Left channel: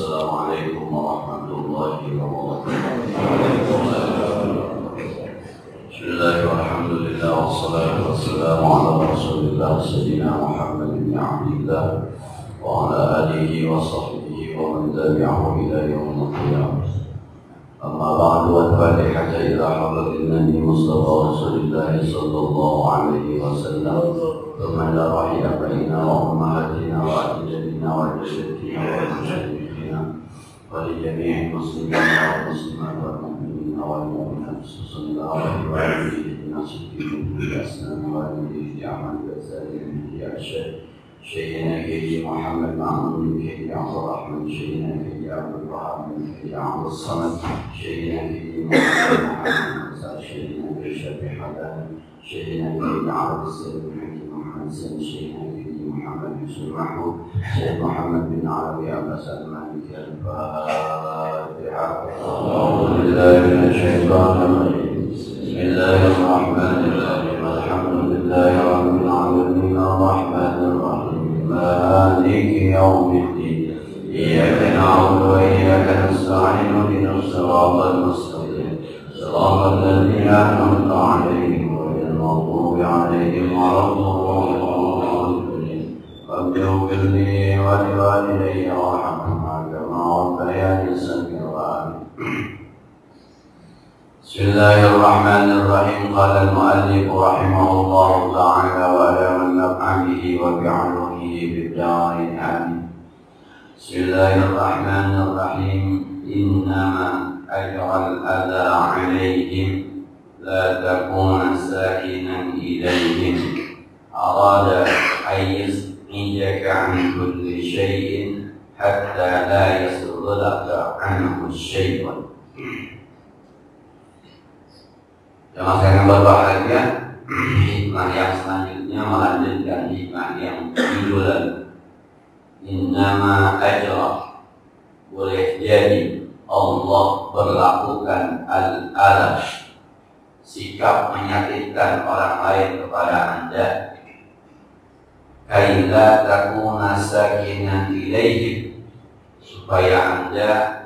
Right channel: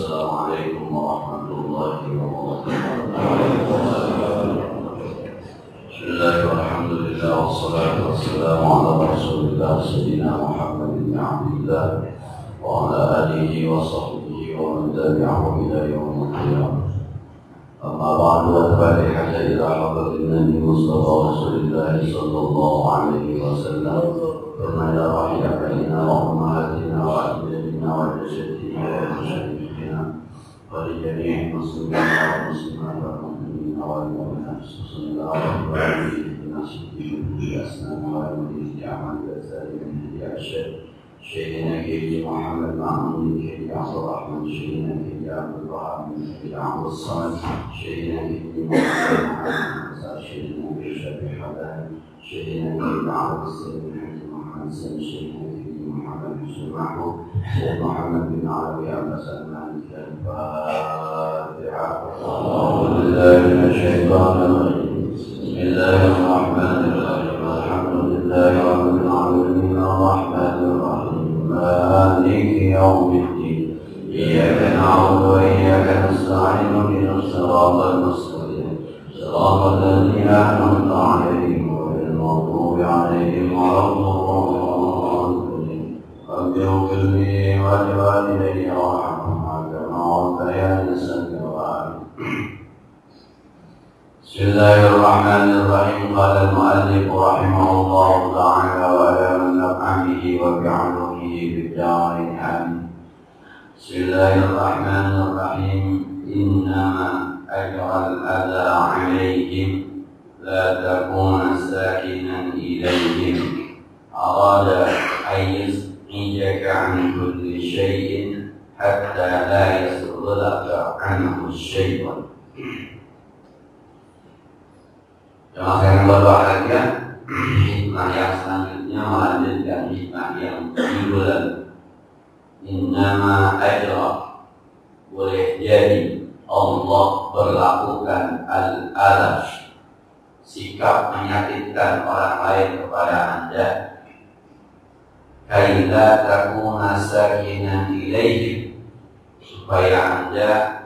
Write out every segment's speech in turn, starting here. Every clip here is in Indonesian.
Assalamualaikum warahmatullahi wabarakatuh. Bismillahirrahmanirrahim. Wassalatu wassalamu ala Rasulillah Sayyidina Muhammad bin Abdillah wa ala alihi wa sahbihi wa man tabi'ahu ila yaumil qiyamah. Amma ba'du, wa tabi'i hatta idza hadara an-nabi Mustafa Rasulillah sallallahu alaihi wasallam. Thumma ila rahiyina wa ummahatina wa ajdadina wa jaddatina wa musyayikhina wa li jami'il muslimina wa muslimat wal mu'minina wal mu'minat sallallahu alaihi wa alihi nasibihim bi asnani wa alihi amal basarin bi arsyad Sayyidina Haji Muhammad Ma'mun Haji Abdul Rahman Sayyidina Haji Abdul Rahman Haji Abdul Samad Sayyidina Haji Muhammad Sayyidina Haji Syafi'i Hadan Sayyidina Haji Abdul Sayyidina Haji Muhammad Sayyidina Haji Muhammad Yusuf Mahmud Sayyid Muhammad bin Arabi Abbas Al-Maliki Al-Fatiha. A'udzu billahi minasy syaithanir rajim. Bismillahirrahmanirrahim. Alhamdulillahi rabbil alamin arrahmanir rahim maliki yaumiddin. Iyyaka na'budu wa iyyaka nasta'in ihdinas siratal mustaqim. Siratal ladzina an'amta 'alaihim ghairil maghdubi 'alaihim waladdallin. Rabbi ighfir li wa li walidayya warhamhuma kama rabbayani saghira. Bismillahirrahmanirrahim. Qala al-mu'allif rahimahullahu ta'ala wa ala man naf'a bihi wa bi'ulumihi bid-darain amin. Bismillahirrahmanirrahim. Innama ajral adha 'alaihim la takuna sakinan ilayhim. Arada an yas'ijaka 'an kulli shay'in hatta la yasghulaka 'anhu syai'un. Jemaah yang berbahagia, hikmah yang selanjutnya melanjutkan hikmah yang judul Innama ajra. Boleh jadi Allah berlakukan al-adab, sikap menyakitkan orang lain kepada anda, kaila takuna sakinan ilaihim, supaya anda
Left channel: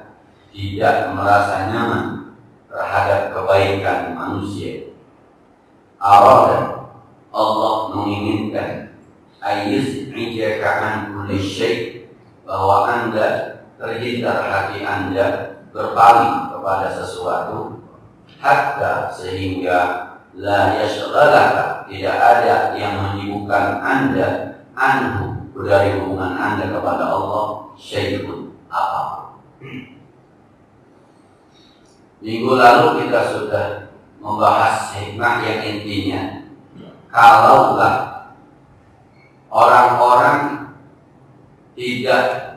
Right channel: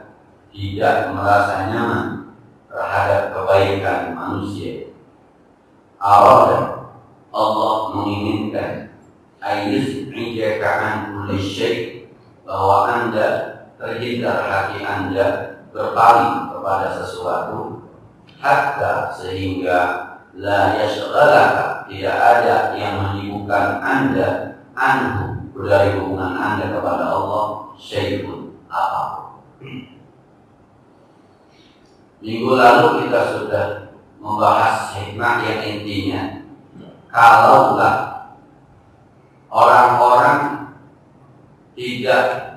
tidak merasa nyaman terhadap kebaikan manusia. Arada, Allah menginginkan ayyus'ijaka an kulli syai', bahwa anda terhindar hati anda berpaling kepada sesuatu, hatta sehingga la yashghalaka, tidak ada yang menyibukkan anda anhu, dari hubungan anda kepada Allah, syai'un, apapun. Minggu lalu kita sudah membahas hikmah yang intinya, kalaulah orang-orang tidak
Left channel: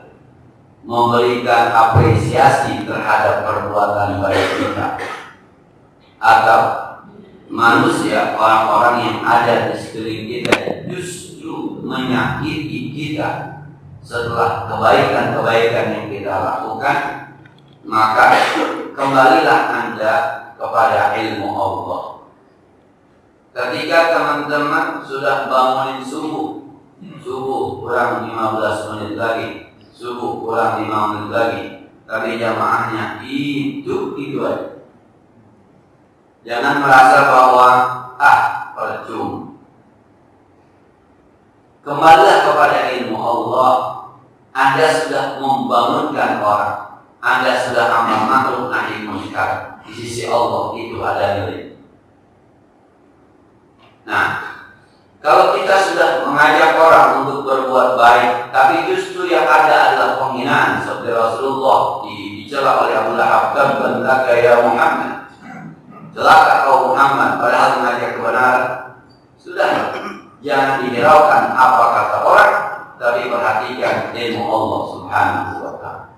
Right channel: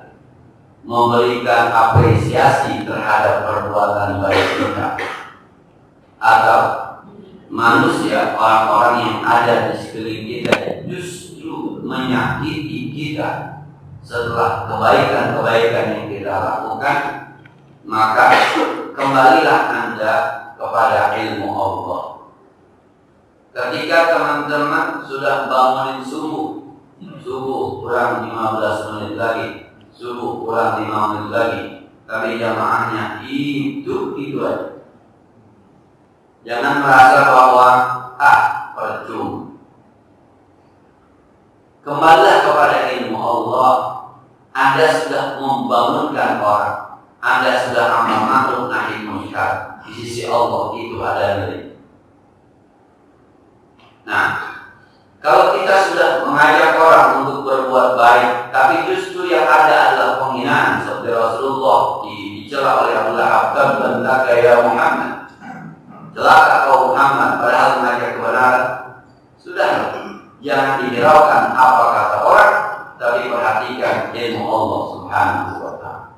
memberikan apresiasi terhadap perbuatan baik kita, atau manusia, orang-orang yang ada di sekeliling kita justru menyakiti kita setelah kebaikan-kebaikan yang kita lakukan, maka kembalilah anda kepada ilmu Allah. Ketika teman-teman sudah bangunin subuh kurang 15 menit lagi, subuh kurang 5 menit lagi, tapi jamaahnya itu aja. Jangan merasa bahwa percuma. Kembalilah kepada ilmu Allah. Anda sudah membangunkan orang, Anda sudah amal ma'ruf nahi munkar. Di sisi Allah itu ada nilai. Nah, kalau kita sudah mengajak orang untuk berbuat baik, tapi justru yang ada adalah penghinaan, seperti Rasulullah dicela oleh Abu Lahab, "Tabban ya Muhammad." Celaka kau Muhammad, padahal mengajak kebenaran. Sudah, jangan dihiraukan apa kata orang, tapi perhatikan ilmu Allah Subhanahu wa ta'ala.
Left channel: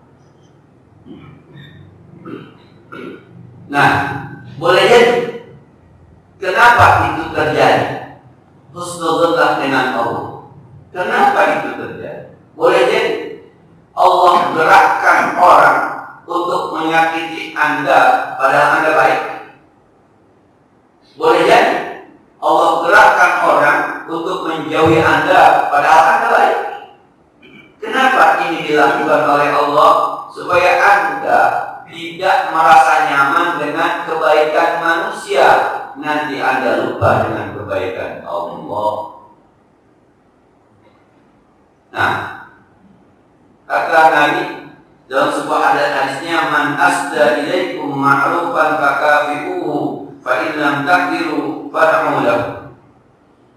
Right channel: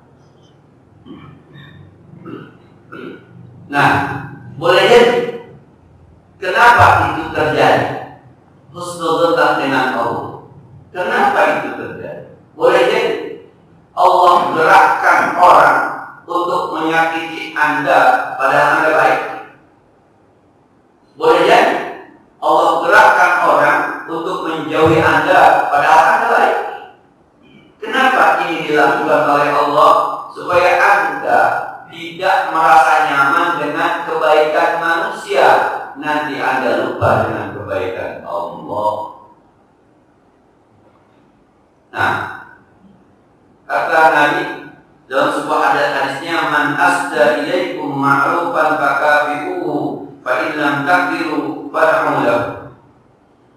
Nah, boleh jadi kenapa itu terjadi? Husnuzan dengan Allah. Kenapa itu terjadi? Boleh jadi Allah gerakkan orang untuk menyakiti anda padahal anda baik. Boleh jadi Allah gerakkan orang untuk menjauhi anda padahal anda baik. Kenapa ini dilakukan oleh Allah supaya Anda tidak merasa nyaman dengan kebaikan manusia. Nanti Anda lupa dengan kebaikan Allah. Nah, kata Nabi dalam sebuah hadisnya, man asda ilaikum ma'rufan fakafi'uhu fa in lam takdiru fad'u lahu.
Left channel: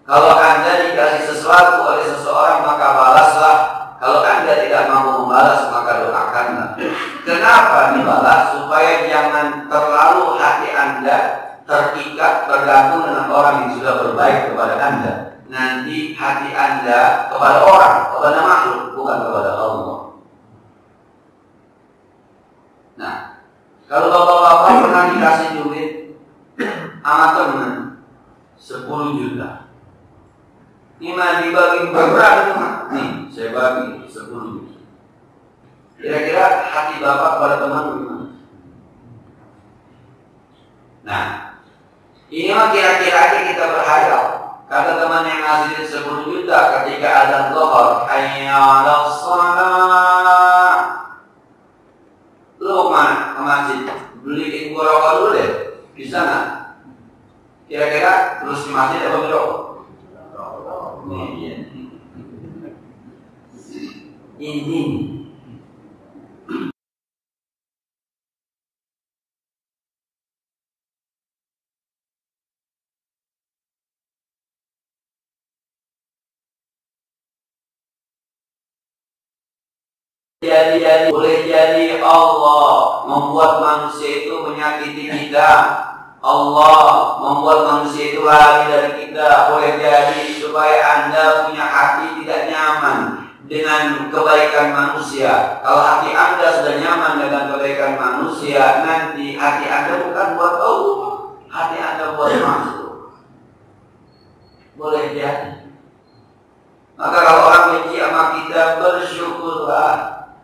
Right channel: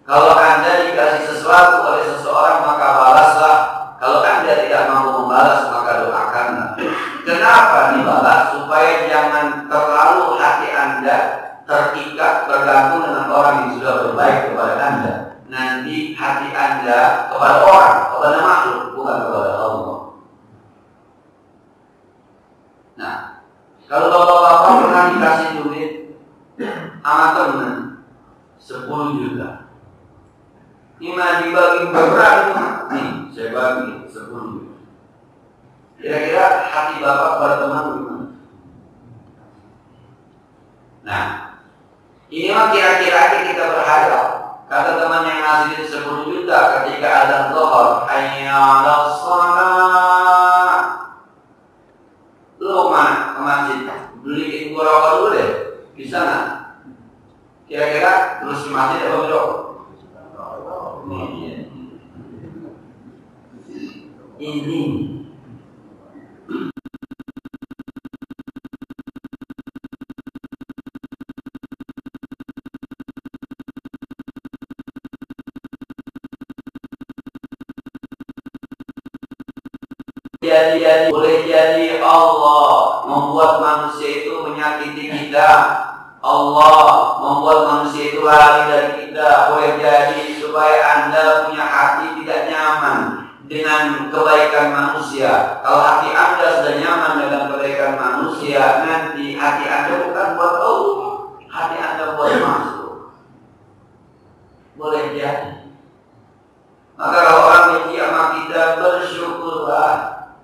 Kalau Anda dikasih sesuatu oleh seseorang maka balaslah. Kalau Anda tidak mampu membalas maka doakanlah. Kenapa dibalas? Supaya jangan terlalu hati Anda terikat tergantung dengan orang yang sudah berbaik kepada Anda. Nanti hati Anda kepada orang, kepada makhluk, bukan kepada Allah. Nah, kalau bapak-bapak pernah dikasih duit sama teman 10 juta, ini dibagi berapa? Nih, saya bagi 10 juta. Kira-kira hati bapak kepada teman bagaimana? Nah, ini mah kira-kira aja kita berhayal. Kata teman yang ngasih 10 juta ketika azan zuhur, hayya 'alas shalah. Lu kemana? Ke masjid. Beliin gua rokok dulu deh. Bisa nggak? Kira-kira terus di masjid apa berokok? Ini. Boleh jadi Allah membuat manusia itu menyakiti kita. Allah membuat manusia itu lari dari kita. Boleh jadi supaya Anda punya hati tidak nyaman dengan kebaikan manusia. Kalau hati Anda sudah nyaman dengan kebaikan manusia, nanti hati Anda bukan buat Allah, hati Anda buat makhluk. Boleh jadi. Maka kalau orang benci sama kita, bersyukurlah,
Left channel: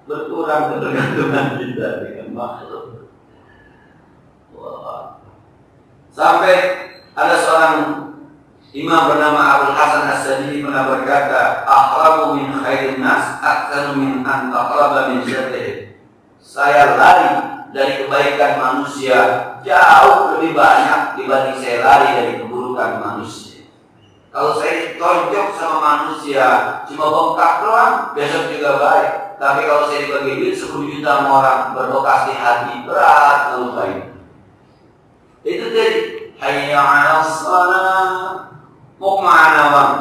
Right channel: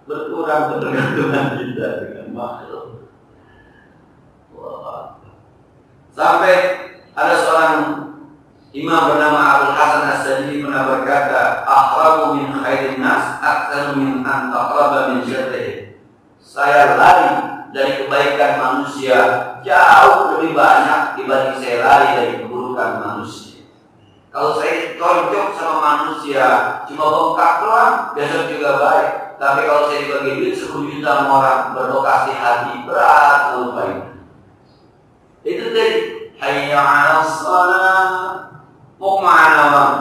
berkurang ketergantungan kita dengan makhluk. Wah. Sampai ada seorang imam bernama Abdul Hasan As-Sajili pernah berkata, ahramu min khairin nas aktsanu min an taqraba min syarrihim. Saya lari dari kebaikan manusia jauh lebih banyak dibanding saya lari dari keburukan manusia. Kalau saya ditonjok sama manusia cuma bengkak doang, besok juga baik. Tapi kalau saya dibagi duit 10 juta sama orang berlokasi hati, berat lupain. Itu tadi hayya 'alas shalah. Mau kemana bang?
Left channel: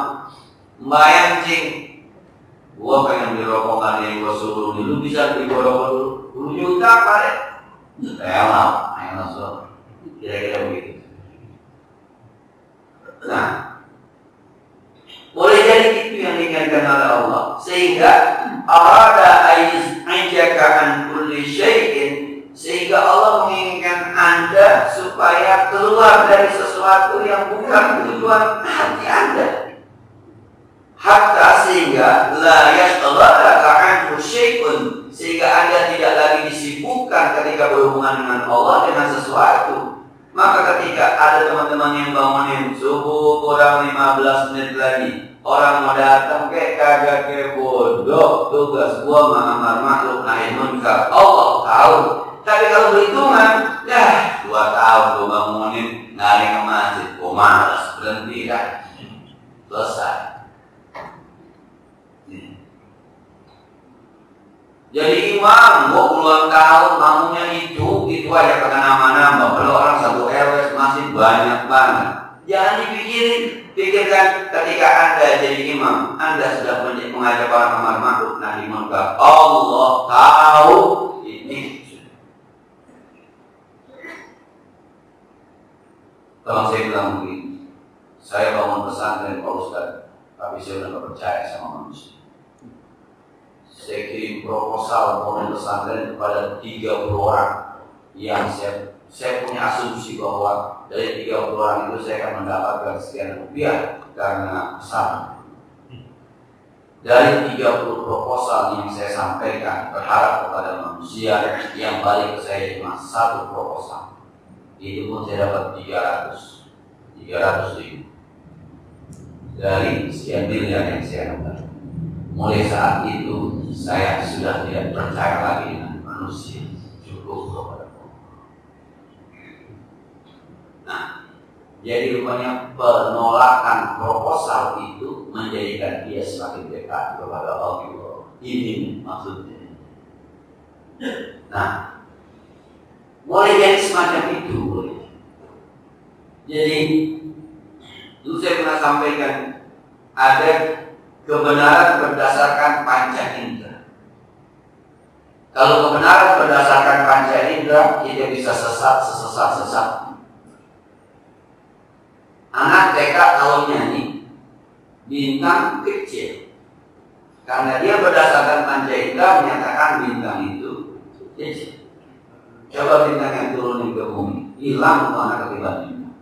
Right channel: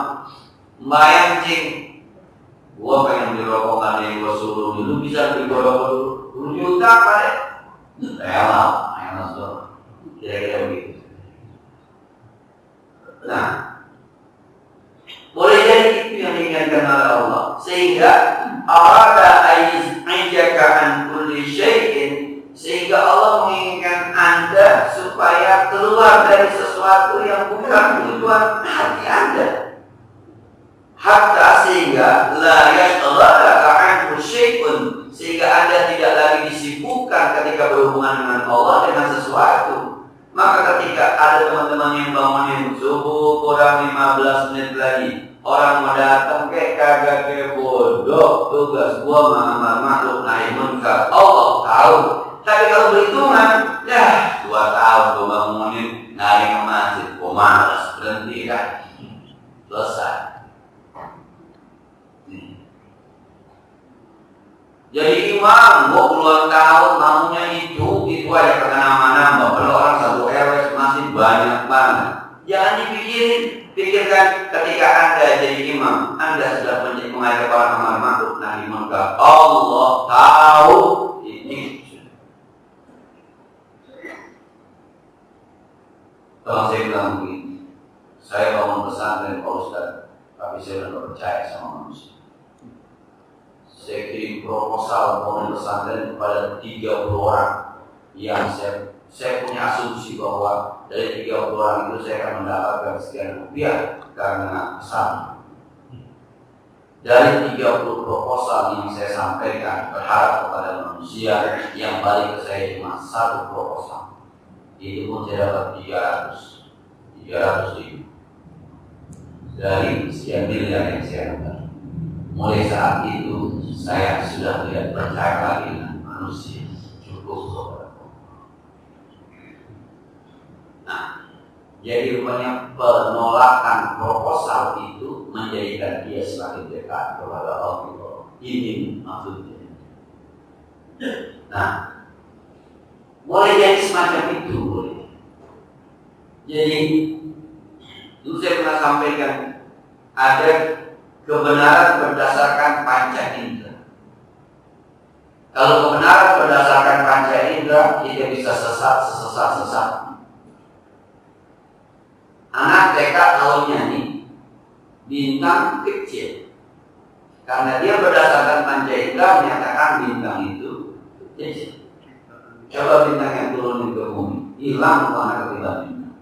Bayang cing. Gua pengen beli rokok kan yang gua suruh dulu, bisa beli rokok dulu 10 juta pak. Rela, so. Kira-kira begitu. Nah, boleh jadi itu yang diinginkan oleh Allah. Sehingga arada aiz'ajaka an kulli syai'in, sehingga Allah menginginkan Anda supaya keluar dari sesuatu yang bukan tujuan hati Anda. Hatta sehingga la yashghalaka anhu syai'un, sehingga Anda tidak lagi disibukkan ketika berhubungan dengan Allah dengan sesuatu. Maka ketika ada teman-teman yang bangunin subuh kurang 15 menit lagi, orang mau datang kayak kagak kayak bodoh, tugas gua mengamar makhluk nahi munkar. Allah tahu. Tapi kalau berhitungan, ya 2 tahun gua bangunin naik ke masjid, gua malas berhenti kan, selesai. Jadi imam, gua puluhan tahun bangunnya itu aja kagak nama-nama. Kalau orang satu RW masih banyak banget. Jangan dipikirin, pikirkan ketika Anda jadi imam, Anda sudah mengajak orang amar ma'ruf nahi munkar. Allah tahu ini. Kalau saya bilang begini, saya bangun pesantren Pak Ustaz, tapi saya sudah percaya sama manusia. Saya kirim proposal bangun pesantren kepada 30 orang yang saya punya asumsi bahwa dari 30 orang itu saya akan mendapatkan sekian rupiah karena pesan. Dari 30 proposal yang saya sampaikan, berharap kepada manusia yang balik ke saya cuma 1 proposal. Itu pun saya dapat 300 ribu dari sekian miliar yang saya dapat. Mulai saat itu saya sudah tidak percaya lagi dengan manusia, cukup kepada Allah. Nah, jadi rupanya penolakan proposal itu menjadikan dia semakin dekat kepada Allah. Ini maksudnya. Nah, mulai jadi semacam itu. Jadi dulu saya pernah sampaikan ada kebenaran berdasarkan panca indera. Kalau kebenaran berdasarkan panca indera, kita bisa sesat. Anak TK kalau nyanyi bintang kecil, karena dia berdasarkan panca indera menyatakan bintang itu kecil. Coba bintang yang turunin ke bumi, hilang mana ketiban bintang.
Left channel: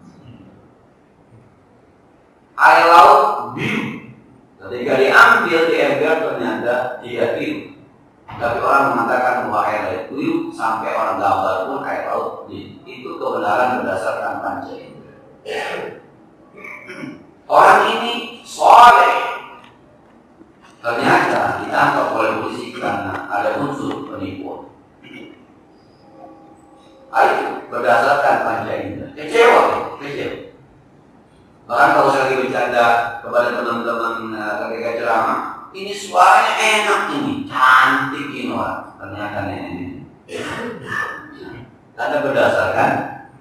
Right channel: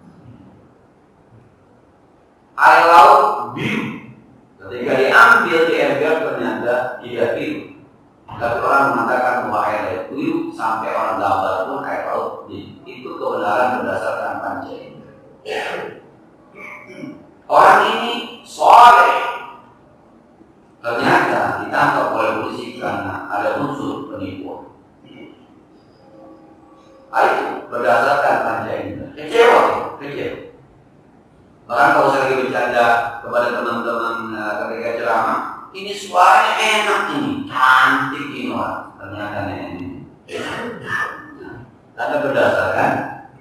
Air laut biru, ketika diambil di ember ternyata tidak biru. Tapi orang mengatakan bahwa air laut biru, sampai orang gambar pun air laut biru. Itu kebenaran berdasarkan panca indera. Orang ini soleh, ternyata ditangkap oleh polisi karena ada unsur penipuan. Itu berdasarkan panca indera. Kecewa. Bahkan kalau saya lagi bercanda kepada teman-teman ketika ceramah, ini suaranya enak ini, cantik ini orang. Ternyata ini. Karena berdasarkan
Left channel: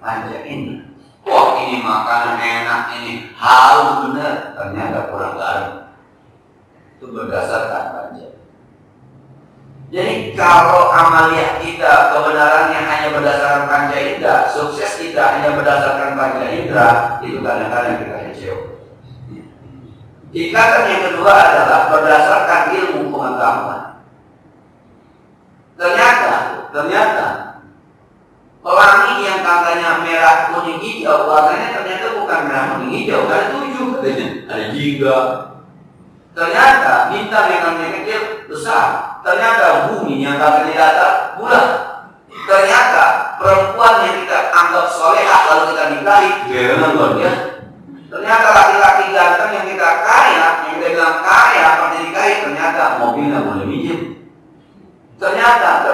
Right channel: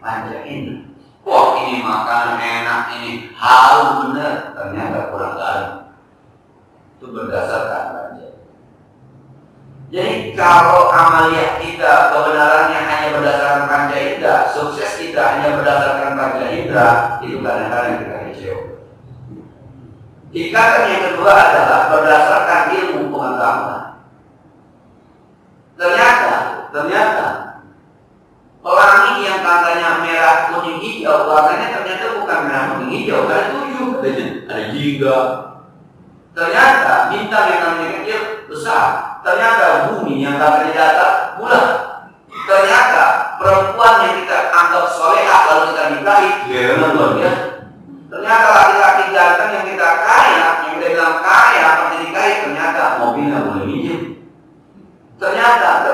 panca indera. Wah, ini makanan enak, ini harum benar. Ternyata kurang garam. Itu berdasarkan panca. Jadi kalau amalia kita kebenarannya hanya berdasarkan panca indera, sukses kita hanya berdasarkan panca indera, itu kadang-kadang kita kecewa. Ikatan yang kedua adalah berdasarkan ilmu pengetahuan. Ternyata pelangi yang katanya merah kuning hijau, warnanya ternyata bukan merah kuning hijau, ada 7 katanya, ada jingga. Ternyata bintang yang katanya kecil besar. Ternyata bumi yang katanya datar bulat. Ternyata perempuan yang kita anggap solehah lalu kita nikahi, jangan luar biasa. Ternyata laki-laki ganteng yang kita kaya, yang kita bilang kaya, pasti nikahi, ternyata mobilnya boleh minjem. Ternyata.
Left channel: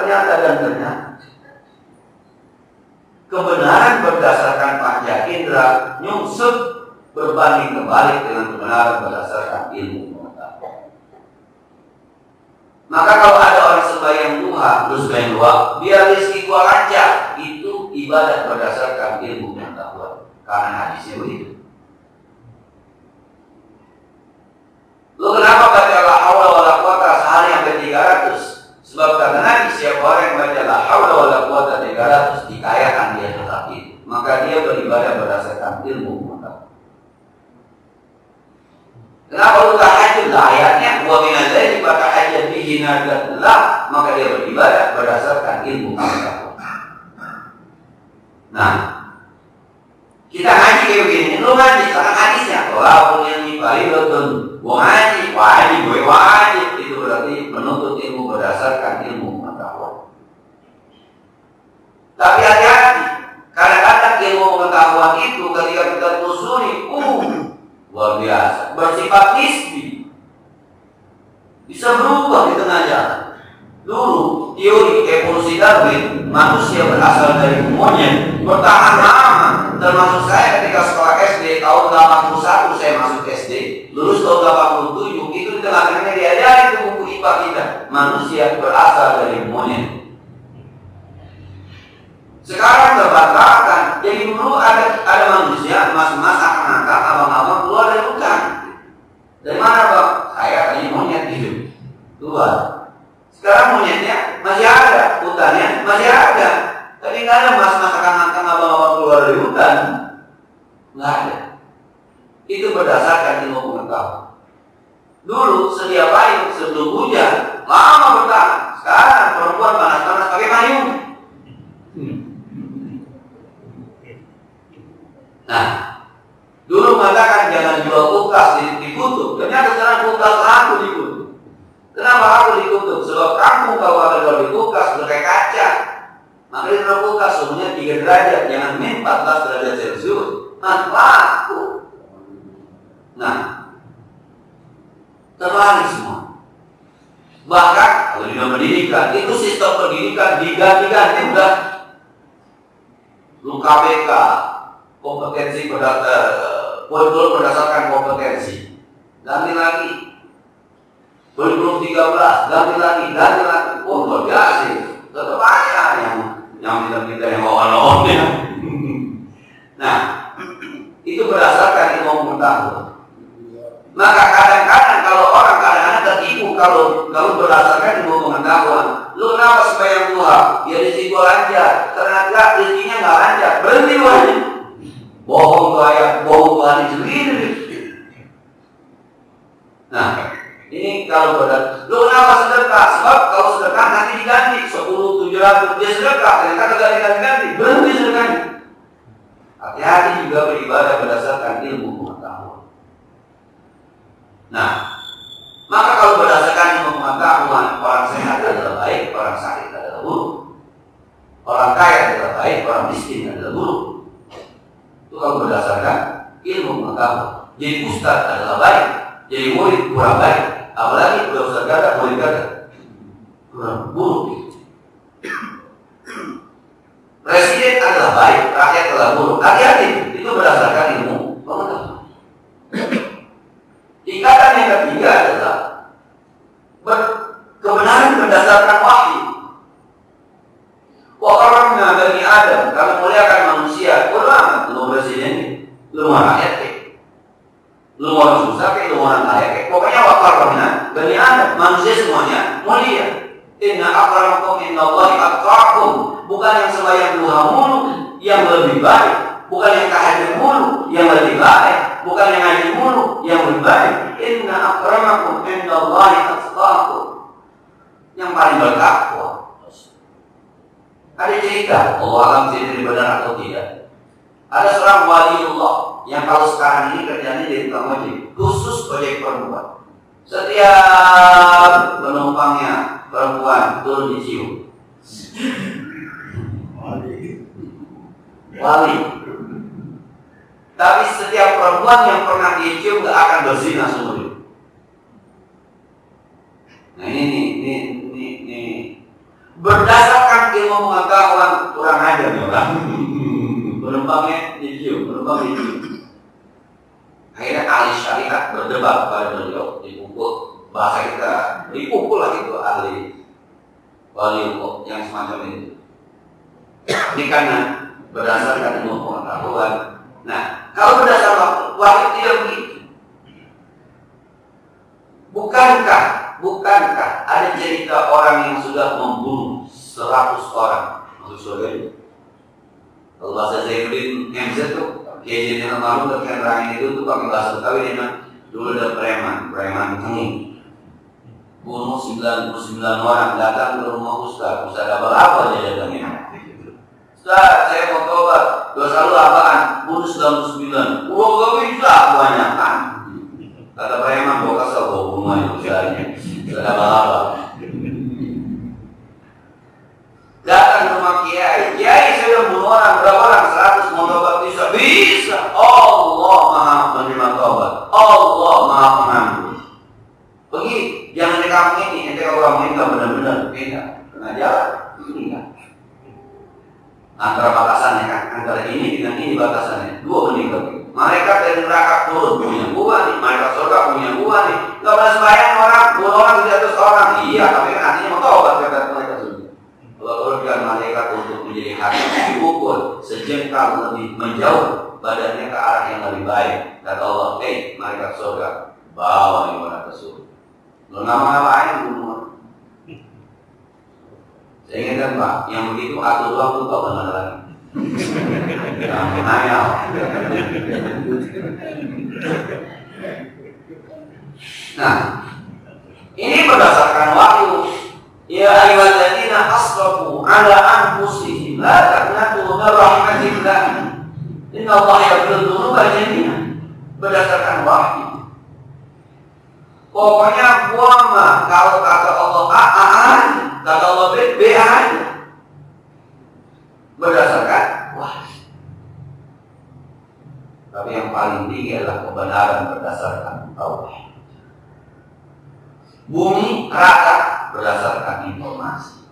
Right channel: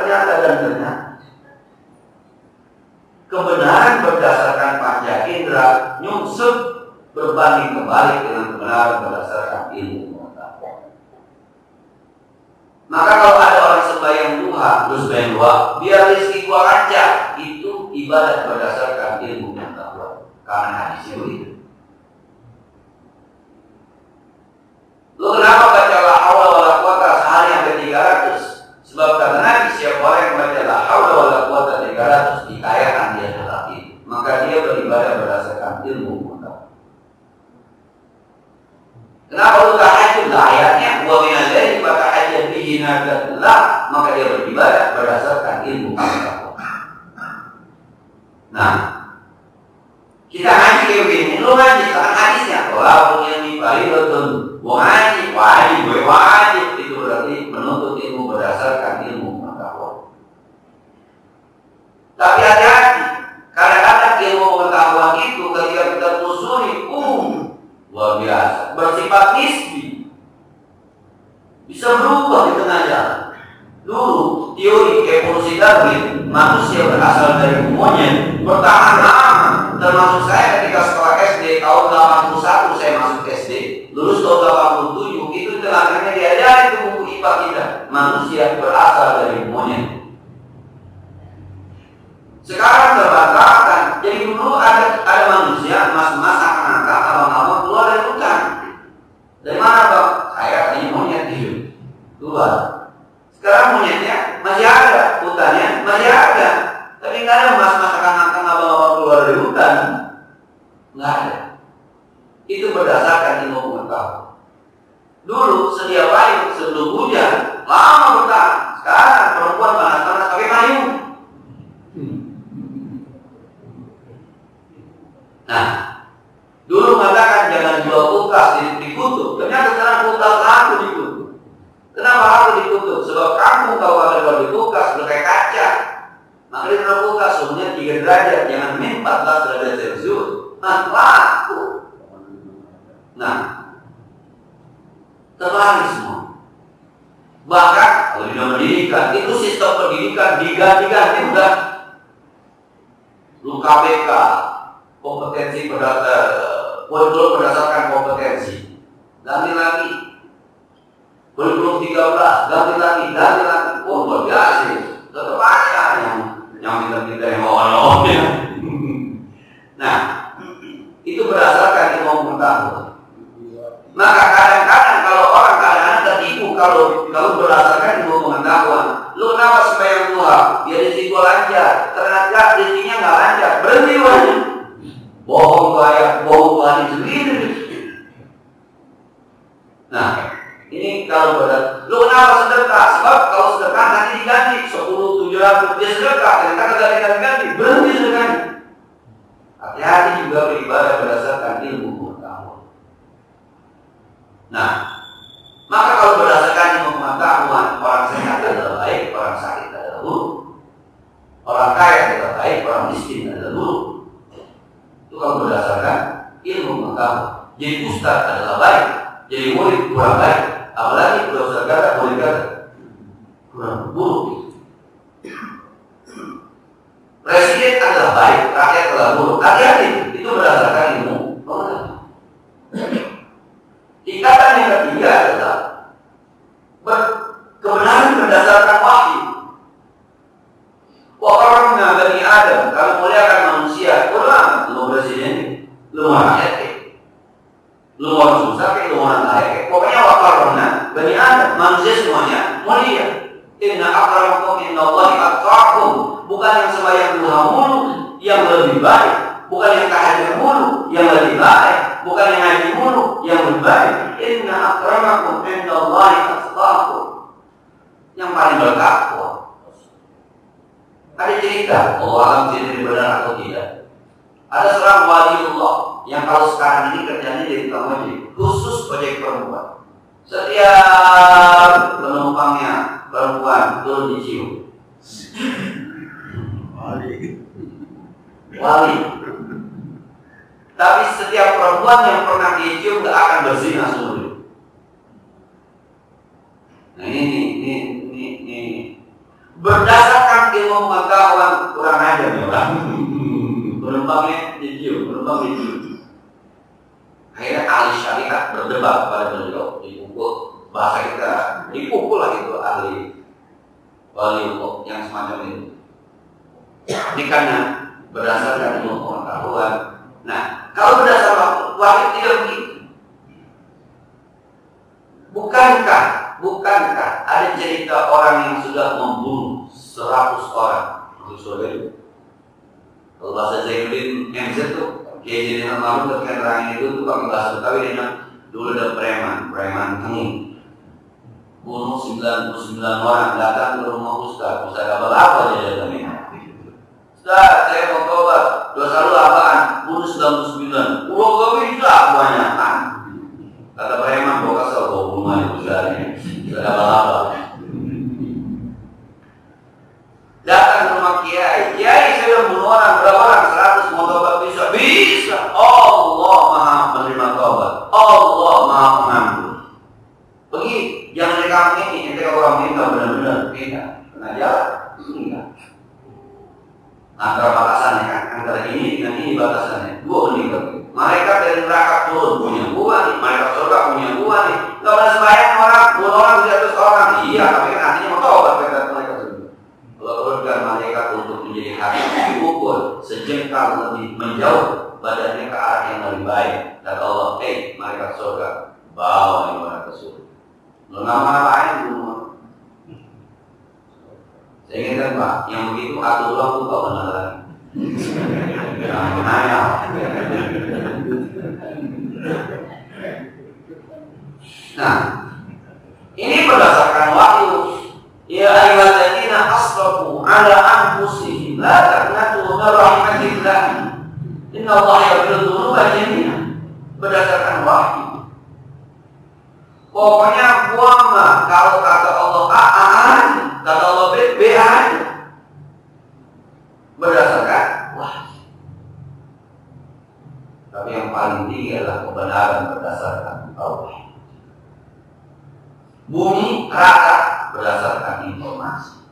Kebenaran berdasarkan panca indera nyungsep berbanding kebalik dengan kebenaran berdasarkan ilmu. Maka kalau ada orang sembahyang duha, terus sembahyang doa, biar rezeki gua lancar, itu ibadat berdasarkan ilmu pengetahuan. Karena hadisnya begitu. Lu kenapa baca la haula wala quwata sehari sampai 300? Sebab kata Nabi, siapa orang yang baca la haula wala quwata 300 dikayakan dia tetap itu. Maka dia beribadah berdasarkan ilmu pengetahuan. Kenapa lu tahajud? Ayatnya wa minal laili fatahajjad bihi nafilah, maka dia beribadah berdasarkan ilmu pengetahuan. Nah, kita ngaji kayak begini, lu ngaji karena hadisnya kalau ilmi faridatun, wajib, itu berarti menuntut ilmu berdasarkan ilmu pengetahuan. Tapi hati-hati, kadang-kadang ilmu pengetahuan itu ketika kita telusuri, luar biasa, bersifat nisbi, bisa berubah di tengah jalan. Dulu teori evolusi Darwin, manusia berasal dari monyet, bertahan lama. Termasuk saya ketika sekolah SD tahun 81 saya masuk SD, lulus tahun 87, itu di tengah-tengahnya diajari ke buku IPA kita, manusia berasal dari monyet. Sekarang terbantahkan. Jadi dulu ada manusia, mas-mas, akang-akang, abang-abang keluar dari hutan. Dari mana bang? Saya tadi monyet hidup keluar. Sekarang monyetnya masih ada, hutannya masih ada. Tapi nggak ada mas-mas, akang-akang, abang-abang keluar dari hutan. Nggak ada. Itu berdasarkan ilmu pengetahuan. Dulu sedia payung sebelum hujan, lama bertahan. Sekarang perempuan panas-panas pakai payung. Nah, dulu mengatakan jangan jual kulkas di kutub. Ternyata sekarang kulkas laku di kutub. Kenapa laku di kutub? Sebab kampung kalau ada jual di kulkas pakai kaca. Maka di dalam kulkas suhunya 3 derajat, jangan min 14 derajat Celcius. Nah, laku. Nah, terbalik semua. Bahkan kalau di pendidikan itu sistem pendidikan diganti-ganti udah. Lu KPK kompetensi kurikulum berdasarkan kompetensi, ganti lagi. Kurikulum 13 ganti lagi. Oh luar biasa sih. Tetap aja yang kita yang lawan-lawan ya. Nah, itu berdasarkan ilmu pengetahuan. Maka kadang-kadang kalau orang kadang-kadang tertipu kalau berdasarkan ilmu pengetahuan. Lu kenapa sembahyang duha? Biar rezeki gua lancar. Ternyata rezekinya nggak lancar. Berhenti wajib. Bohong kayak bohong hadis sendiri. Nah, ini kalau lu kenapa sedekah? Sebab kalau sedekah nanti diganti 10, 700 dia sedekah. Ternyata kagak diganti. Berhenti sedekahnya. Hati-hati juga beribadah berdasarkan ilmu pengetahuan. Nah, maka kalau berdasarkan ilmu pengetahuan, orang sehat adalah baik, orang sakit adalah buruk. Orang kaya adalah baik, orang miskin adalah buruk. Itu kalau berdasarkan ilmu pengetahuan. Jadi ustaz adalah baik, jadi murid kurang baik. Apalagi udah ustaz kata, murid kata kurang buruk. Presiden adalah baik, rakyat adalah buruk. Hati-hati, itu berdasarkan ilmu pengetahuan. Ikatan yang ketiga adalah kebenaran berdasarkan wahyu. Wa karamna bani Adam, kami muliakan manusia. Ulama, lu presiden, lu rakyat, lu orang susah, lu orang kaya, pokoknya wa karamna bani Adam, manusia semuanya mulia. Inna akramakum indallahi atqakum, bukan yang sembahyang duha mulu yang lebih baik, bukan yang tahajud mulu yang lebih baik, bukan yang ngaji mulu yang lebih baik. Inna akramakum indallahi atqakum, yang paling bertakwa. Ada cerita, Allah alam tidak benar atau tidak. Ada seorang waliullah yang kalau sekarang ini kerjanya jadi tukang ojek, khusus ojek perempuan. Setiap penumpangnya perempuan turun dicium. Wali. Tapi setiap perempuan yang pernah dicium gak akan berzina seumur hidup. Nah ini berdasarkan ilmu pengetahuan kurang ajar nih orang. Penumpangnya dicium. Akhirnya ahli syariat berdebat pada beliau, dipukul, bahasa kita dipukul lah itu ahli wali yang semacam itu. Ini karena berdasarkan ilmu pengetahuan. Nah, kalau berdasarkan wahyu tidak begitu. Bukankah ada cerita orang yang sudah membunuh 100 orang masuk surga itu? Kalau bahasa Zainuddin MZ tuh Kiai Jenderal Maruf ketika nerangin itu tuh pakai bahasa Betawi dia bilang dulu ada preman tenging bunuh 99 orang, datang ke rumah Ustaz dapat apa dia datangnya? Ustaz, saya mau tobat, dosa lu apaan? Bunuh 99. Uang gak bisa kebanyakan. Kata preman, gua kesel gua bunuh aja Ustaznya. Gak dapat apa. Datang ke rumah Kiai saya udah bunuh orang, berapa orang? 100, mau tobat bisa. Allah maha menerima tobat, Allah maha pengampun. Pergi, jangan di kampung ini, ente orang minta benar-benar beda. Kena jalan, enggak. Antara batasannya kan, antara ini dengan ini batasannya, dua meninggal. Malaikat dari neraka turun punya gua nih, malaikat surga punya gua nih. Gak pernah sembahyang orang, bunuh orang 100 orang. Iya, tapi kan artinya mau tobat kata malaikat surga. Allah turunkan malaikat untuk menjadi hakim, diukur sejengkal lebih menjauh badannya ke arah yang lebih baik. Kata Allah, malaikat surga, bawa ini orang ke surga. Lo nama-namain bunuh. Saya ingatkan Pak, yang begitu atur waktu kok benar lagi. Yang menayal. Nah, ini berdasarkan wahyu. Ya ayyuhalladzina asrafu ala anfusihim la taqnatu min rahmatillah. Innallaha yaghfiru dzunuba jami'an. Berdasarkan wahyu. Pokoknya gua mah kalau kata Allah A, kata Allah B aja. Berdasarkan wahyu. Tapi yang paling tinggi adalah kebenaran berdasarkan Allah. Bumi rata berdasarkan informasi.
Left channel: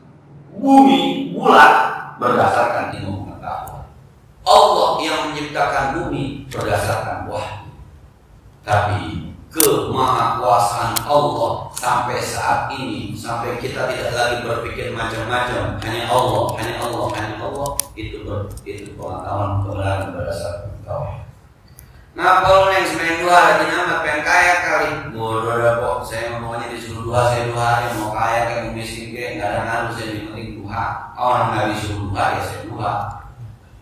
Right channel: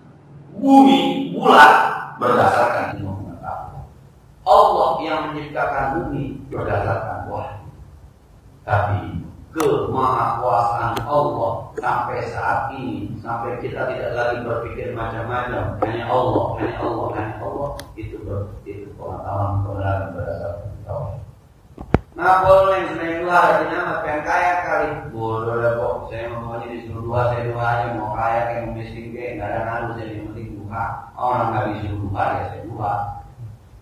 Bumi, bulat berdasarkan ilmu pengetahuan. Allah yang menciptakan bumi berdasarkan wahyu. Tapi kemahakuasaan Allah sampai saat ini, sampai kita tidak lagi berpikir macam-macam, hanya Allah, hanya Allah, hanya Allah, itu pengetahuan kebenaran berdasarkan tauhid. Nah, kalau yang sebenarnya dua lagi nama pengen kaya kali, bodoh dah kok. Saya maunya disuruh dua, saya dua aja, mau kaya kayak mau miskin kayak nggak ada ngaruh, saya yang penting dua. Orang nggak disuruh dua ya saya dua.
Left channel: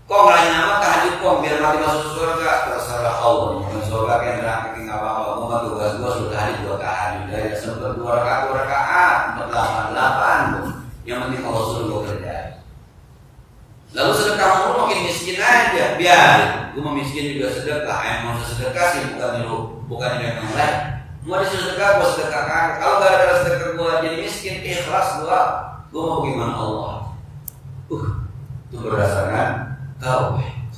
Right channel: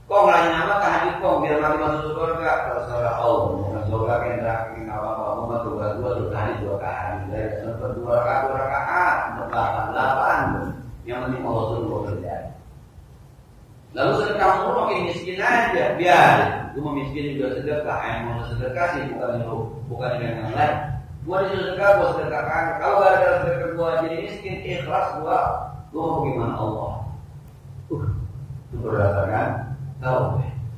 Kok nggak nama tahajud kok biar mati masuk surga, terserah Allah. Bukan surga kayak neraka kayak nggak apa-apa. Gue mah tugas gue sudah hari dua tahajud ya sempat dua rakaat, 48. Yang penting Allah suruh gue kerja. Lalu sedekah mulu makin miskin aja, biar gue mau miskin juga sedekah. Yang mau sedekah sih bukan yang lain. Mau disuruh sedekah, gue sedekahkan. Kalau gara-gara sedekah gue jadi miskin, ikhlas gue mau bagaimana Allah. Itu berdasarkan tauhid.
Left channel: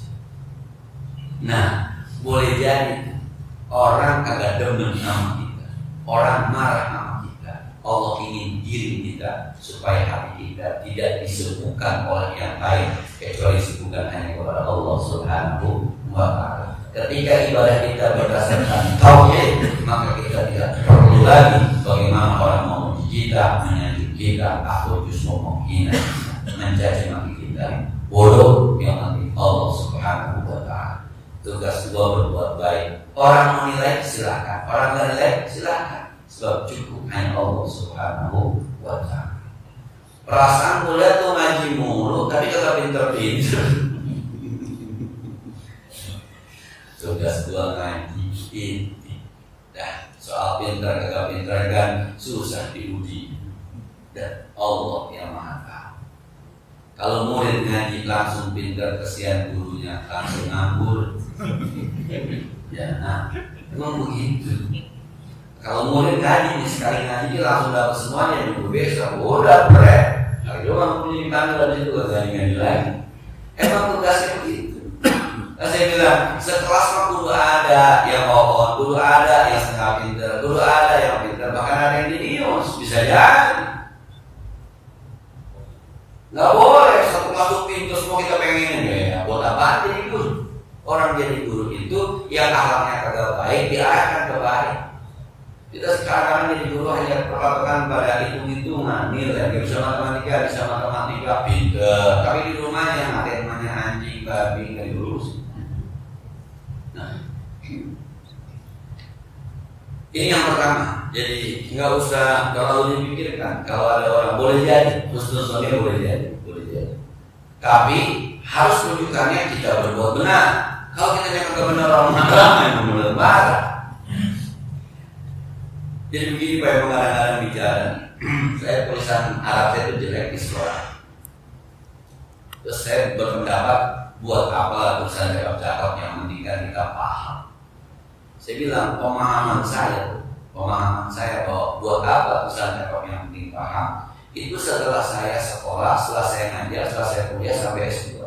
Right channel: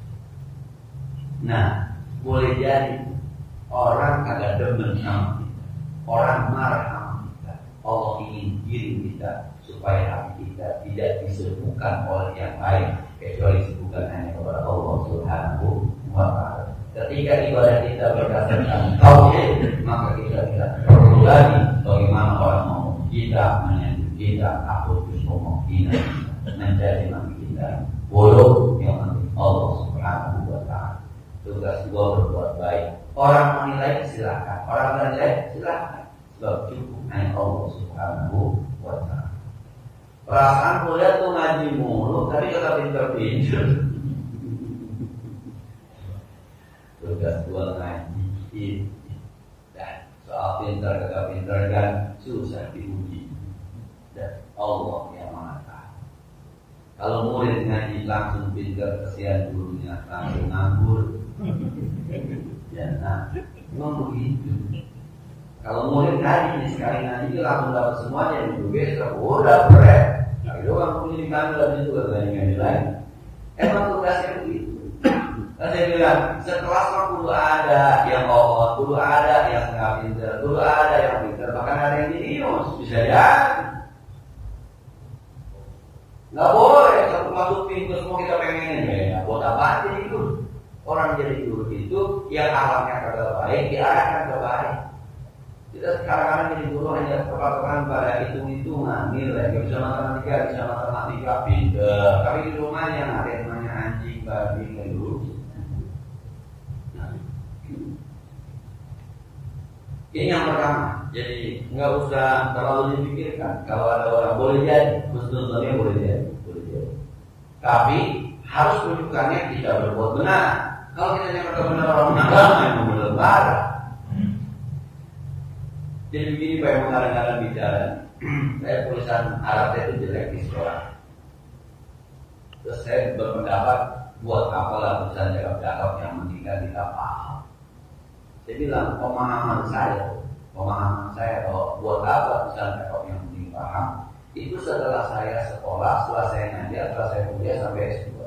Nah, boleh jadi orang kagak demen sama kita, orang marah sama kita. Allah ingin diri kita supaya hati kita tidak disibukkan oleh yang lain kecuali disibukkan hanya kepada Allah Subhanahu wa Ta'ala. Ketika ibadah kita berdasarkan tauhid, maka kita tidak perlu lagi bagaimana orang mau kita, menyanjung kita, atau justru menghina, mencaci maki kita. Bodoh, yang penting Allah Subhanahu wa Ta'ala. Tugas gua berbuat baik. Orang mau nilai silakan, orang nggak nilai silakan. Sebab cukup hanya Allah Subhanahu wa Ta'ala. Perasaan kuliah tuh ngaji mulu, tapi kagak pinter-pinter. Tugas gua ngaji ini. Dah, soal pinter kagak pinter kan susah diuji. Dan Allah yang Maha Tahu. Kalau murid ngaji langsung pinter, kesian gurunya langsung nganggur. Ya, nah, memang begitu. Kalau murid ngaji nih sekali ngaji langsung dapat semuanya juga besok udah berat. Kalau doang punya dipanggil dari situ ngaji lagi. Emang tugasnya begitu. Nah, saya bilang sekelas mah kudu ada yang bohong, kudu ada yang setengah pinter, kudu ada yang pinter, bahkan ada yang jenius bisa jadi. Nggak boleh satu masuk pintu semua kita pengen ya. Buat apa jadi guru? Orang jadi guru itu yang akhlaknya kagak baik diarahkan ke baik. Kita sekarang jadi guru hanya perpatokan pada hitung-hitungan nilai. Gak bisa matematika pinter, tapi di rumahnya matematikanya anjing, babi nggak diurus. Nah, ini yang pertama. Jadi nggak usah terlalu dipikirkan. Kalau ada orang boleh jadi, husnuzonnya boleh jadi. Tapi harus rujukannya kita berbuat benar. Kalau kita nyangka kebenaran orang yang benar marah. Jadi begini Pak, yang mengarang-arang bicara. Saya tulisan Arab saya itu jelek di sekolah. Terus saya berpendapat buat apa tulisan cakap-cakap yang penting kan kita paham. Saya bilang pemahaman saya bahwa buat apa tulisan cakap yang penting paham. Itu setelah saya sekolah, setelah saya ngajar, setelah saya kuliah sampai S2.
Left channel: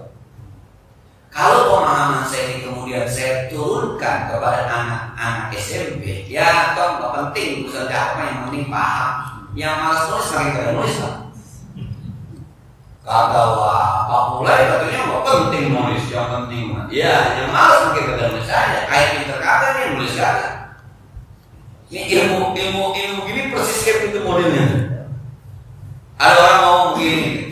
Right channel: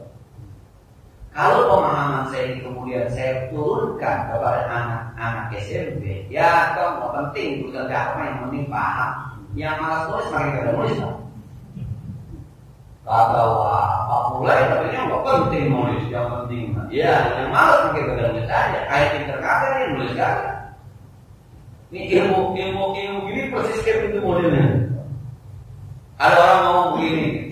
Kalau pemahaman saya ini kemudian saya turunkan kepada anak-anak SMP, ya toh nggak penting tulisan cakap yang penting paham. Yang malas nulis makin kagak nulis lah. Kagak apa mulai katanya nggak penting nulis, yang penting mah. Ya, yang malas makin kagak nulis aja. Kayak pinter kagak nih nulis kagak. Ini ilmu gini persis kayak pintu modelnya. Ada orang ngomong begini,